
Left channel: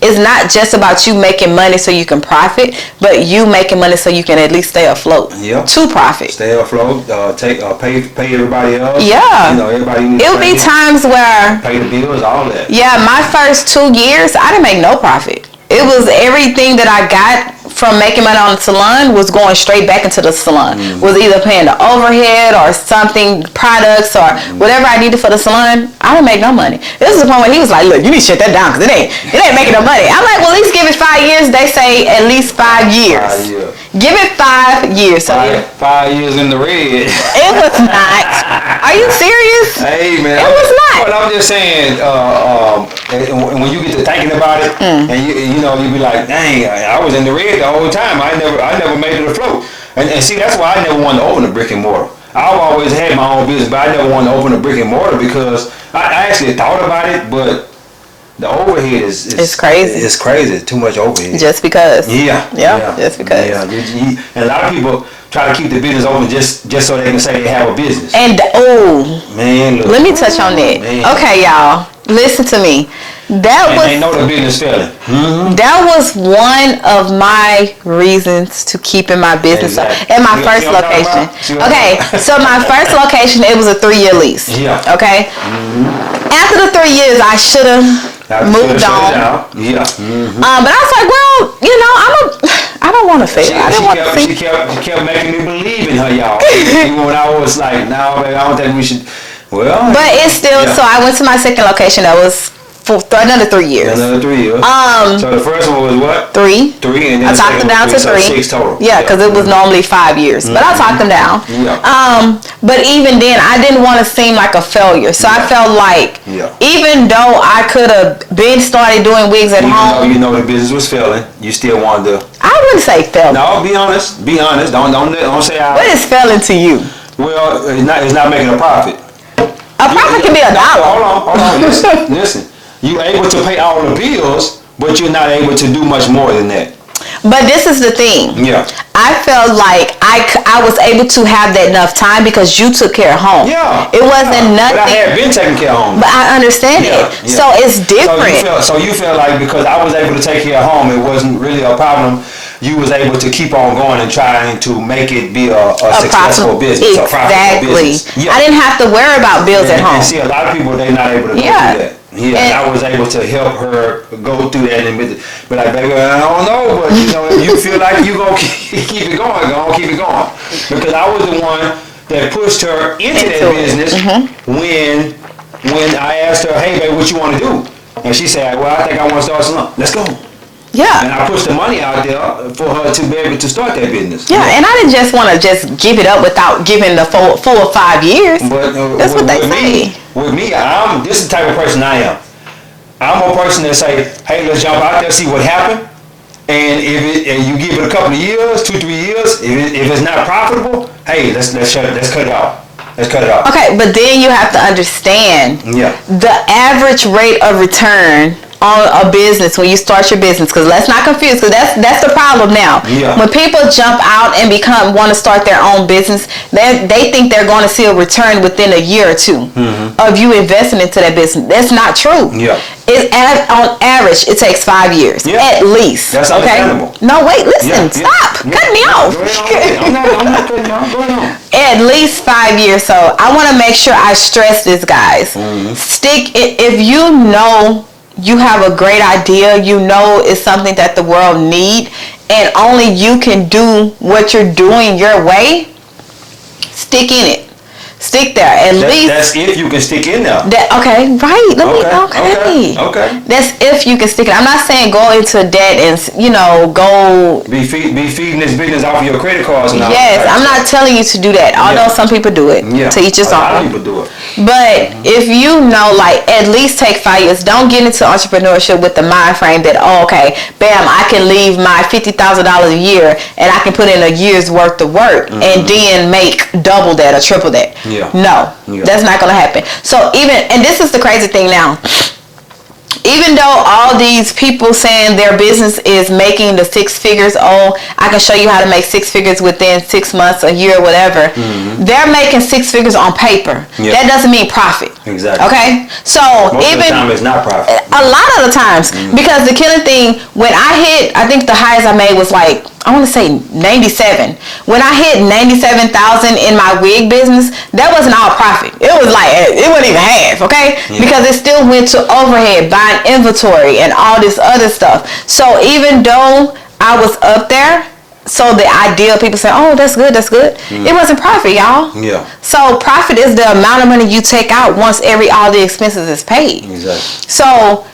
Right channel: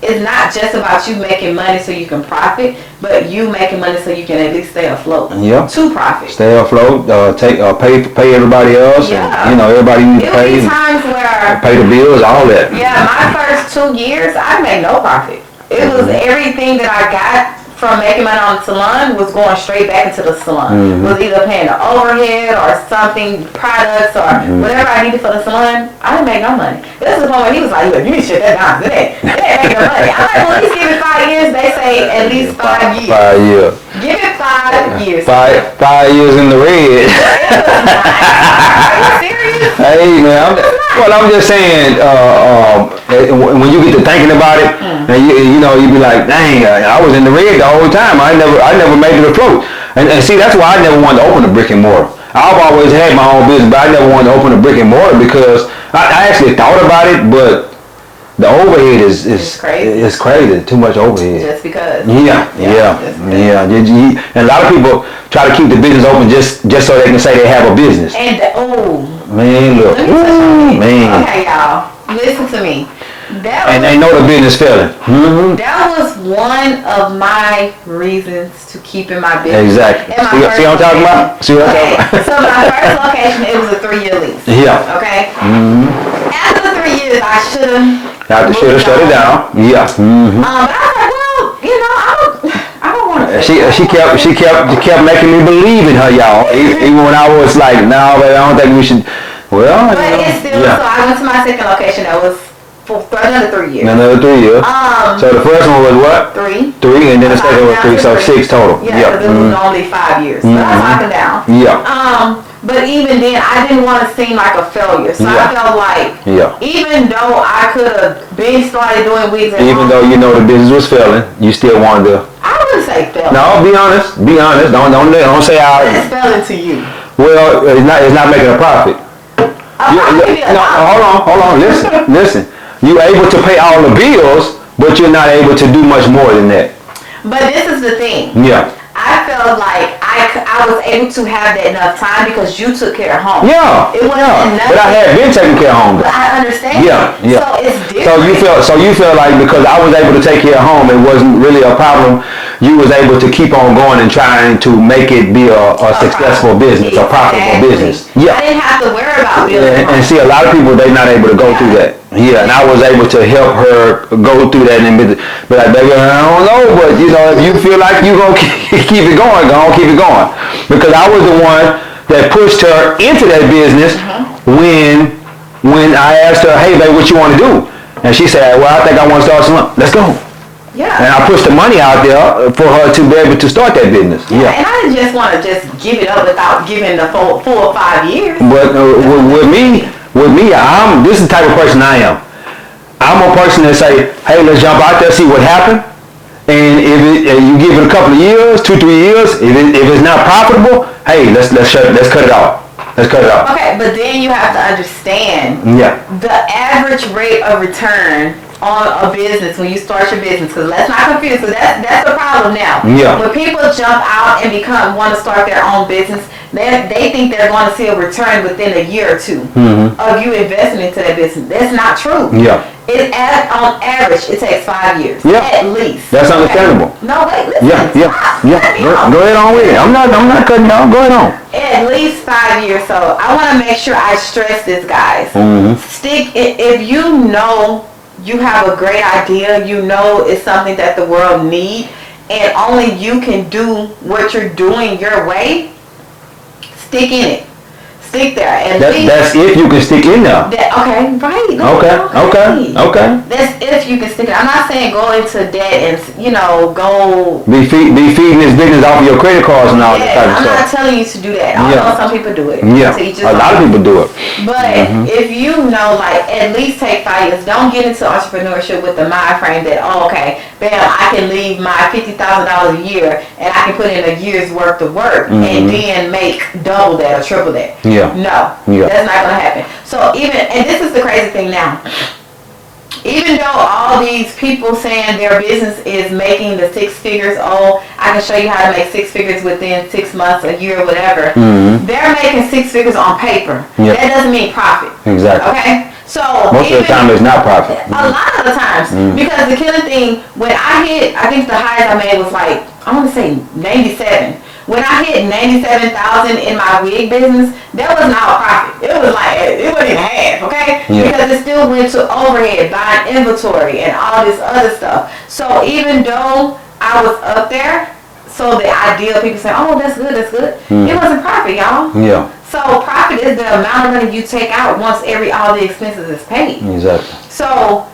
It's not just about you making money so you can profit, but you making money so you can at least stay afloat. Yep. To profit. Stay afloat. Pay everybody else. Yeah. And, everybody needs to It'll pay. be times where Pay the bills, all that. Yeah, my first 2 years, I didn't make no profit. It was everything that I got from making money on the salon was going straight back into the salon. Was either paying the overhead or something, products or whatever I needed for the salon. I didn't make no money. This is the point where he was like, "Look, you need to shut that down because it ain't making no money." I'm like, "Well, at least give it 5 years." They say at least 5 years. 5 years. Give it 5 years. 5 years in the red. It was not. Are you serious? Hey man, it was not. Well, I'm just saying, when you get to thinking about it, and you be like, "Dang, I was in the red the whole time. I never made it afloat." And see, that's why I never wanted to open a brick and mortar. I've always had my own business, but I never wanted to open a brick and mortar because I actually thought about it, but the overhead is crazy. It's crazy. Too much overhead. Just because. Yeah. Just because. Yeah. And a lot of people try to keep the business open just so they can say they have a business. And man, look, let me touch on that. Man. Okay, y'all, listen to me. They know the business failing. That was one of my reasons to keep in my business. Exactly. In my first location. Okay, so my first location, it was a 3-year lease. Yeah. Okay. After the 3 years, I should have moved shut it down. Yeah. But I was like, well, I don't want to fail. She kept making me believe in her, y'all. Even when I was like, "No, baby, I don't think we should." Well. But it's still. Yeah. So I went to my second location. That was for another 3 years. Another 3 years. So the first one was what? 3. 3, and then I talked them down to 3. So 6 total. Yeah, because it was normally 5 years. But I talked them down. Yeah. But even then, I didn't want to seem like a failure. So I felt like, even though I could have been started doing wigs at home. Even though you know the business was failing, you still wanted to. I wouldn't say failing. No, be honest. Be honest. Don't say I. What is failing to you? Well, it's not making a profit. A profit can be $1. Hold on. Listen. You able to pay all the bills, but you're not able to do much more than that. But this is the thing. Yeah. I felt like I was able to have that enough time because you took care of home. Yeah. It wasn't nothing. But I had been taking care of home. But I understand it. So it's different. So you felt like because I was able to take care of home, it wasn't really a problem. you was able to keep on going and trying to make it be a successful business, a profitable business. Yeah. I didn't have to worry about bills at home. And see, a lot of people, they're not able to go through that. Yeah, and I was able to help her go through that and be like, baby, I don't know, but you know, if you feel like you're going to keep it going, keep it going. Because I was the one that pushed her into that business when I asked her, hey, babe, what you want to do? And she said, well, I think I want to start some. Let's go. Yeah. And I pushed the money out there for her to be able to start that business. Yeah, and I didn't just want to just give it up without giving the full 4 or 5 years. But with me, this is the type of person I am. I'm a person that say, hey, let's jump out there, see what happened. And if you give it a couple of years, 2-3 years, if it's not profitable, hey, let's cut it off. Let's cut it off. Okay, but then you have to understand the average rate of return on a business when you start your business, because let's not confuse, because that's the problem now. When people jump out and want to start their own business, they think they're going to see a return within a year or two of you investing into that business. That's not true. On average, it takes 5 years at least. That's understandable. No, wait, listen, stop. Cut me off. Go ahead on with it. I'm not cutting off. Go ahead on. At least 5 years. So I want to make sure I stress this, guys. Stick it if you know you have a great idea, you know it's something that the world need, and only you can do what you're doing your way, stick in it. Stick there. At least that's if you can stick in there. Okay. That's if you can stick it. I'm not saying go into debt and go be feeding this business off of your credit cards and all that. Yes, I'm not telling you to do that. Although some people do it. To each his own. A lot of people do it. But if you know, like, at least take 5 years. Don't get into entrepreneurship with the mind frame that bam, I can leave my $50,000 a year and I can put in a year's worth of work and then make double that or triple that. No, that's not going to happen. So and this is the crazy thing now. Even though all these people saying their business is making the 6 figures, I can show you how to make 6 figures within 6 months, a year, whatever. They're making 6 figures on paper. That doesn't mean profit. Exactly. Okay? So most of the time it's not profit. A lot of the times. Because the killing thing, when I think the highest I made was like, I want to say 97. When I hit 97,000 in my wig business, that wasn't all profit. It was like, it wasn't even half, okay? Because it still went to overhead, buying inventory and all this other stuff. So even though I was up there, so the idea, people say, oh, that's good. It wasn't profit, y'all. So profit is the amount of money you take out once all the expenses is paid. Exactly. So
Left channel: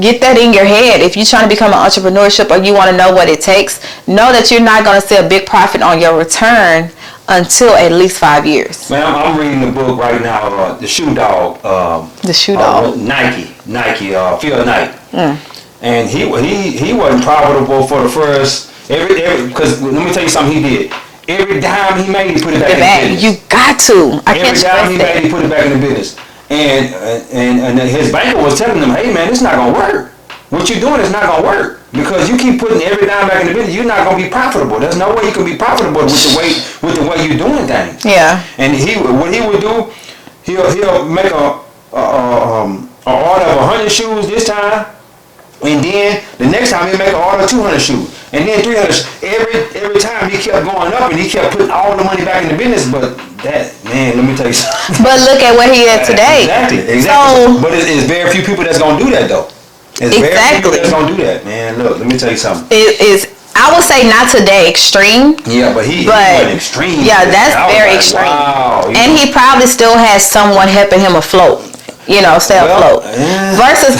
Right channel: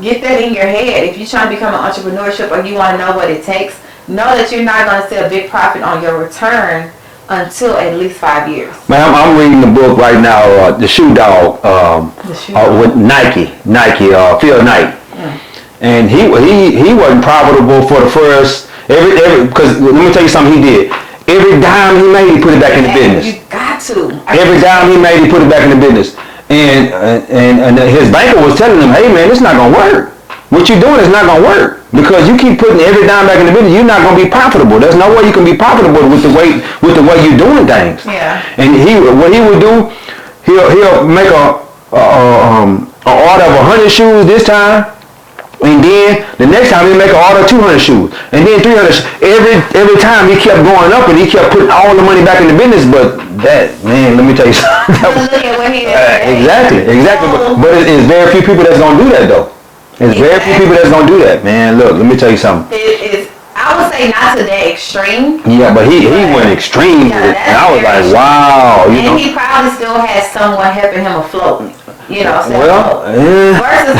get that in your head. If you're trying to become an entrepreneurship or you want to know what it takes, know that you're not going to see a big profit on your return until at least 5 years. Man, I'm reading the book right now, The Shoe Dog. The Shoe Dog. With Nike, Phil Knight. And he wasn't profitable for the first, because let me tell you something he did. Every dime he made, he put it back in the business. You got to. Every dime he made, he put it back in the business. And his banker was telling him, hey man, it's not gonna work. What you're doing is not gonna work because you keep putting every dime back in the business. You're not gonna be profitable. There's no way you can be profitable with the way you're doing things. And what he would do, he'll make a order of 100 shoes this time. And then the next time he make an order of 200 shoes, and then 300. Every time he kept going up, and he kept putting all the money back in the business. But that, man, let me tell you something. But look at what he is today. Exactly. So, but it's very few people that's gonna do that though. It's very few people that's gonna do that, man. Look, let me tell you something. It is. I would say not today extreme. But he went extreme. Yeah, that's very extreme. Wow. And he probably still has someone helping him afloat. Stay afloat. Versus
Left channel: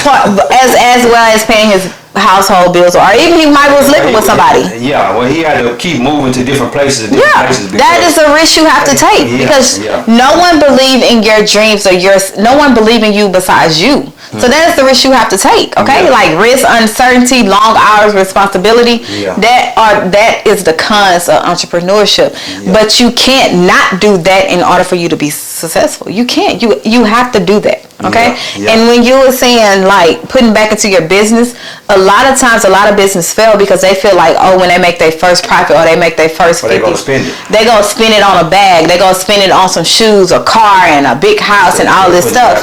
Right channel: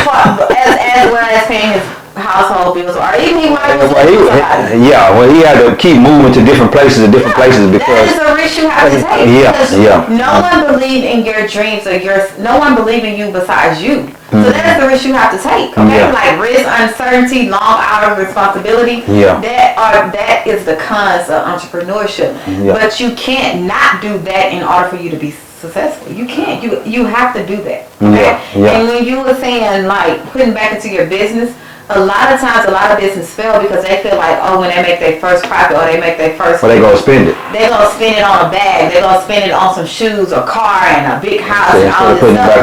as well as paying his household bills, or even he might was living with somebody. Well, he had to keep moving to different places places. That is a risk you have to take because no one believe in your dreams or no one believe in you besides you. So that is the risk you have to take. Okay, like risk, uncertainty, long hours, responsibility. That is the cons of entrepreneurship. But you can't not do that in order for you to be successful. You can't. You have to do that. Okay. And when you were saying like putting back into your business, a lot of times a lot of business fail because they feel like, when they make their first profit or they make their first they gonna spend it. They gonna spend it on a bag. They gonna spend it on some shoes, a car, and a big house and all this stuff.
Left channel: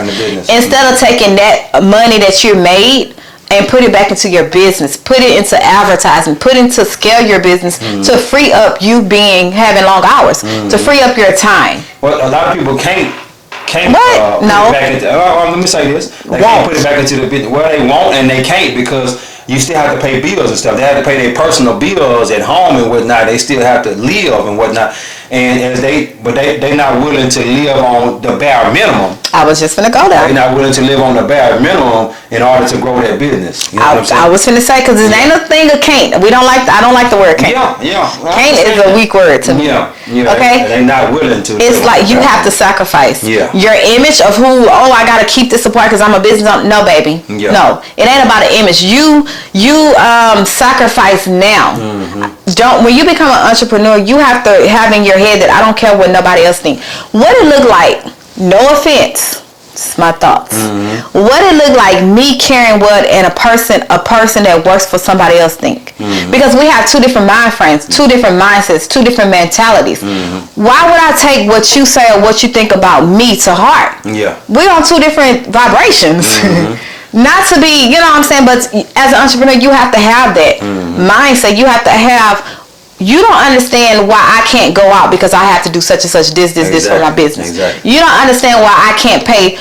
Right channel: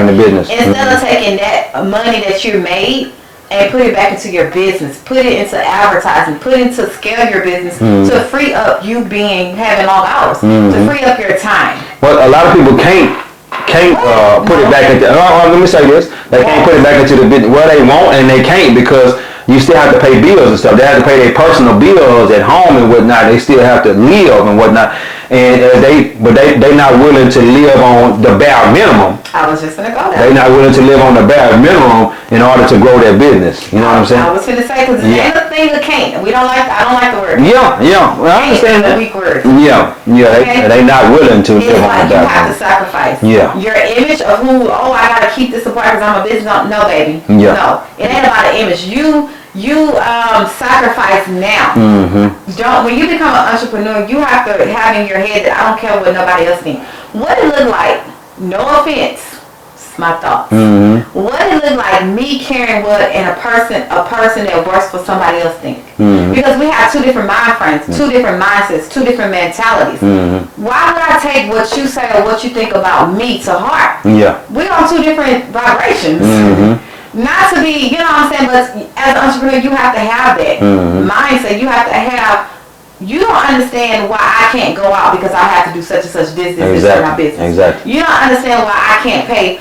Instead of taking that money that you made and put it back into your business, put it into advertising, put it into scale your business to free up you having long hours, to free up your time. Well, a lot of people can't put it back into. Let me say this: they can't put it back into the business. Well, they won't, and they can't because you still have to pay bills and stuff. They have to pay their personal bills at home and whatnot. They still have to live and whatnot. And they not willing to live on the bare minimum. I was just gonna go there. They're not willing to live on the bare minimum in order to grow their business. You know what I'm saying? I was gonna say because it ain't a thing of can't. I don't like the word can't. Yeah. Well, can't is a weak word to me. Yeah. Okay. They're not willing to. It's like you have to sacrifice. Yeah. Your image of who. Oh, I gotta keep this apart because I'm a business owner. No, baby. Yeah. No, it ain't about an image. You sacrifice now. When you become an entrepreneur, you have to have in your head that I don't care what nobody else thinks. What it look like? No offense. It's my thoughts. What it look like me carrying what and a person that works for somebody else think? Because we have two different mind frames, two different mindsets, two different mentalities. Why would I take what you say or what you think about me to heart? Yeah. We on two different vibrations. Not to be, you know what I'm saying, but as an entrepreneur, you have to have that mindset. You have to have. You don't understand why I can't go out because I have to do such and such this for my business. Exactly. You don't understand why I can't pay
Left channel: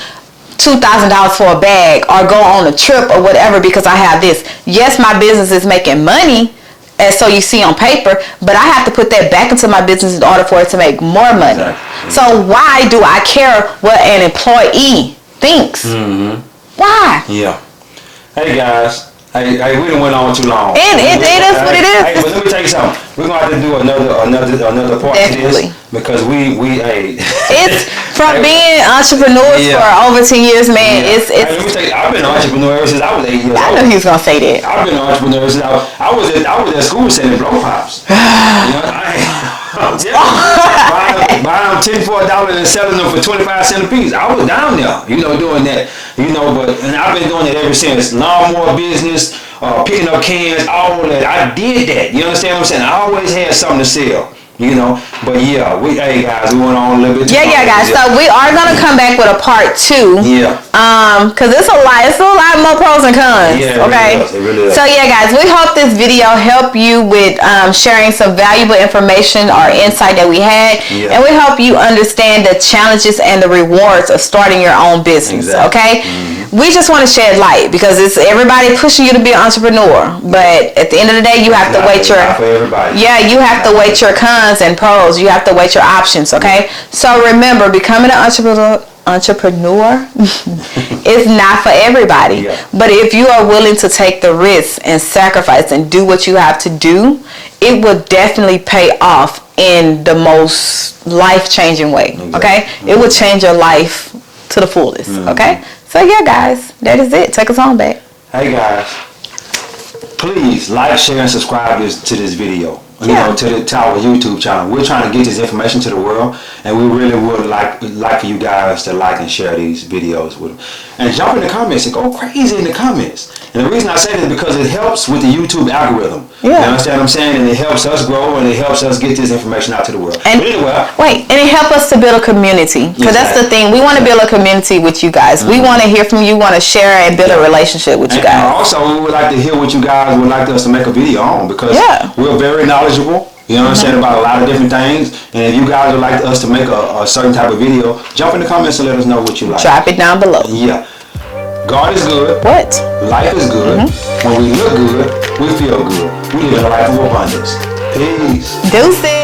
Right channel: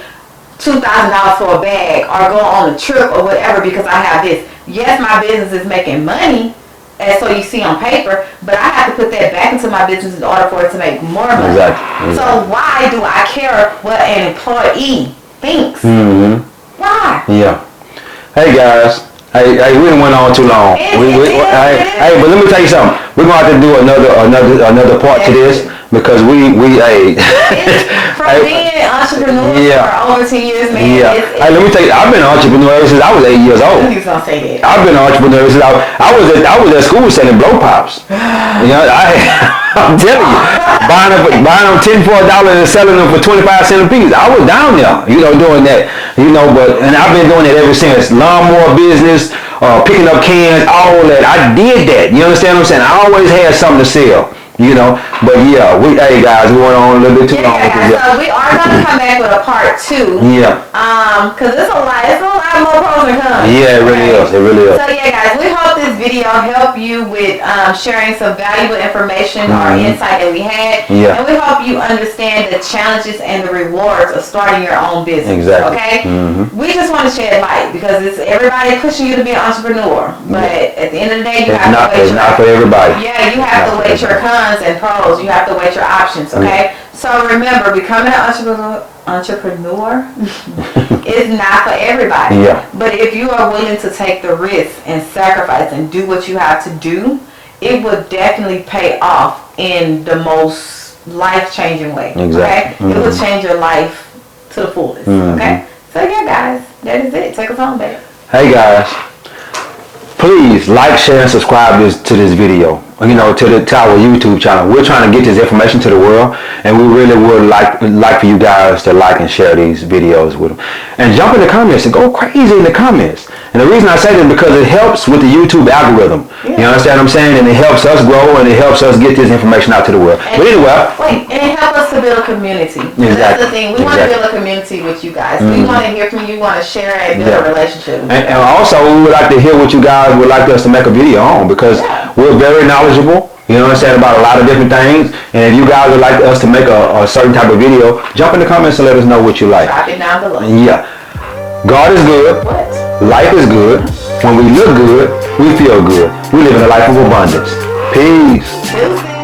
$2,000 for a bag or go on a trip or whatever because I have this. Yes, my business is making money, and so you see on paper, but I have to put that back into my business in order for it to make more money. Exactly. So why do I care what an employee thinks? Why? Yeah. Hey guys. Hey, we didn't went on too long. It is what it is. Hey, but let me tell you something. We're gonna have to do another part to this because it's from being entrepreneurs for over 10 years, man. It's hey, let me tell you, I've been an entrepreneur ever since I was 8 years old. He's gonna say that. I've been an entrepreneur ever since I was at school selling blow pops. You know, I'm telling you, buying them 10 for $1 and selling them for 25 cents a piece. I was down there, doing that. And I've been doing it ever since. Lawnmower business, picking up cans, all that. I did that. You understand what I'm saying? I always had something to sell. But hey guys, we went on a little bit too long. Guys. So we are gonna come back with a part 2. Cause it's a lot more pros and cons. Yeah, it really is. So guys, we hope this video helped you with sharing some valuable information or insight that we had, and we hope you understand the challenges and the rewards of starting your own business. Okay, we just want to shed light because it's everybody pushing you to be an entrepreneur, but at the end of the day, you have to weigh your you have to weigh your cons and pros. You have to weigh your options. Okay, so remember, becoming an entrepreneur is not for everybody, but if you are willing to take the risk and sacrifice and do what you have to do, it will definitely pay off in the most life-changing way. Okay, it will change your life to the fullest. Okay, so guys, that is it. Take us on back. Hey guys, please like, share, and subscribe to this video. To our YouTube channel. We're trying to get this information to the world, and we really would like for you guys to like and share these videos with them, and jump in the comments and go crazy in the comments. And the reason I say this is because it helps with the YouTube algorithm. You understand what I'm saying? And it helps us grow, and it helps us get this information out to the world. And it helps us to build a community, because that's the thing. We want to build a community with you guys. We want to hear from you. Want to share and build a relationship with you guys. And also, we would like to hear what you guys would like us to make a video on, because we're very knowledgeable. You know what I'm saying, about a lot of different things. And if you guys would like us to make a certain type of video, jump in the comments and let us know what you like. Drop it down below. God is good. What? Life is good. When we look good, we feel good. We live in a life of abundance. Peace. Deuces.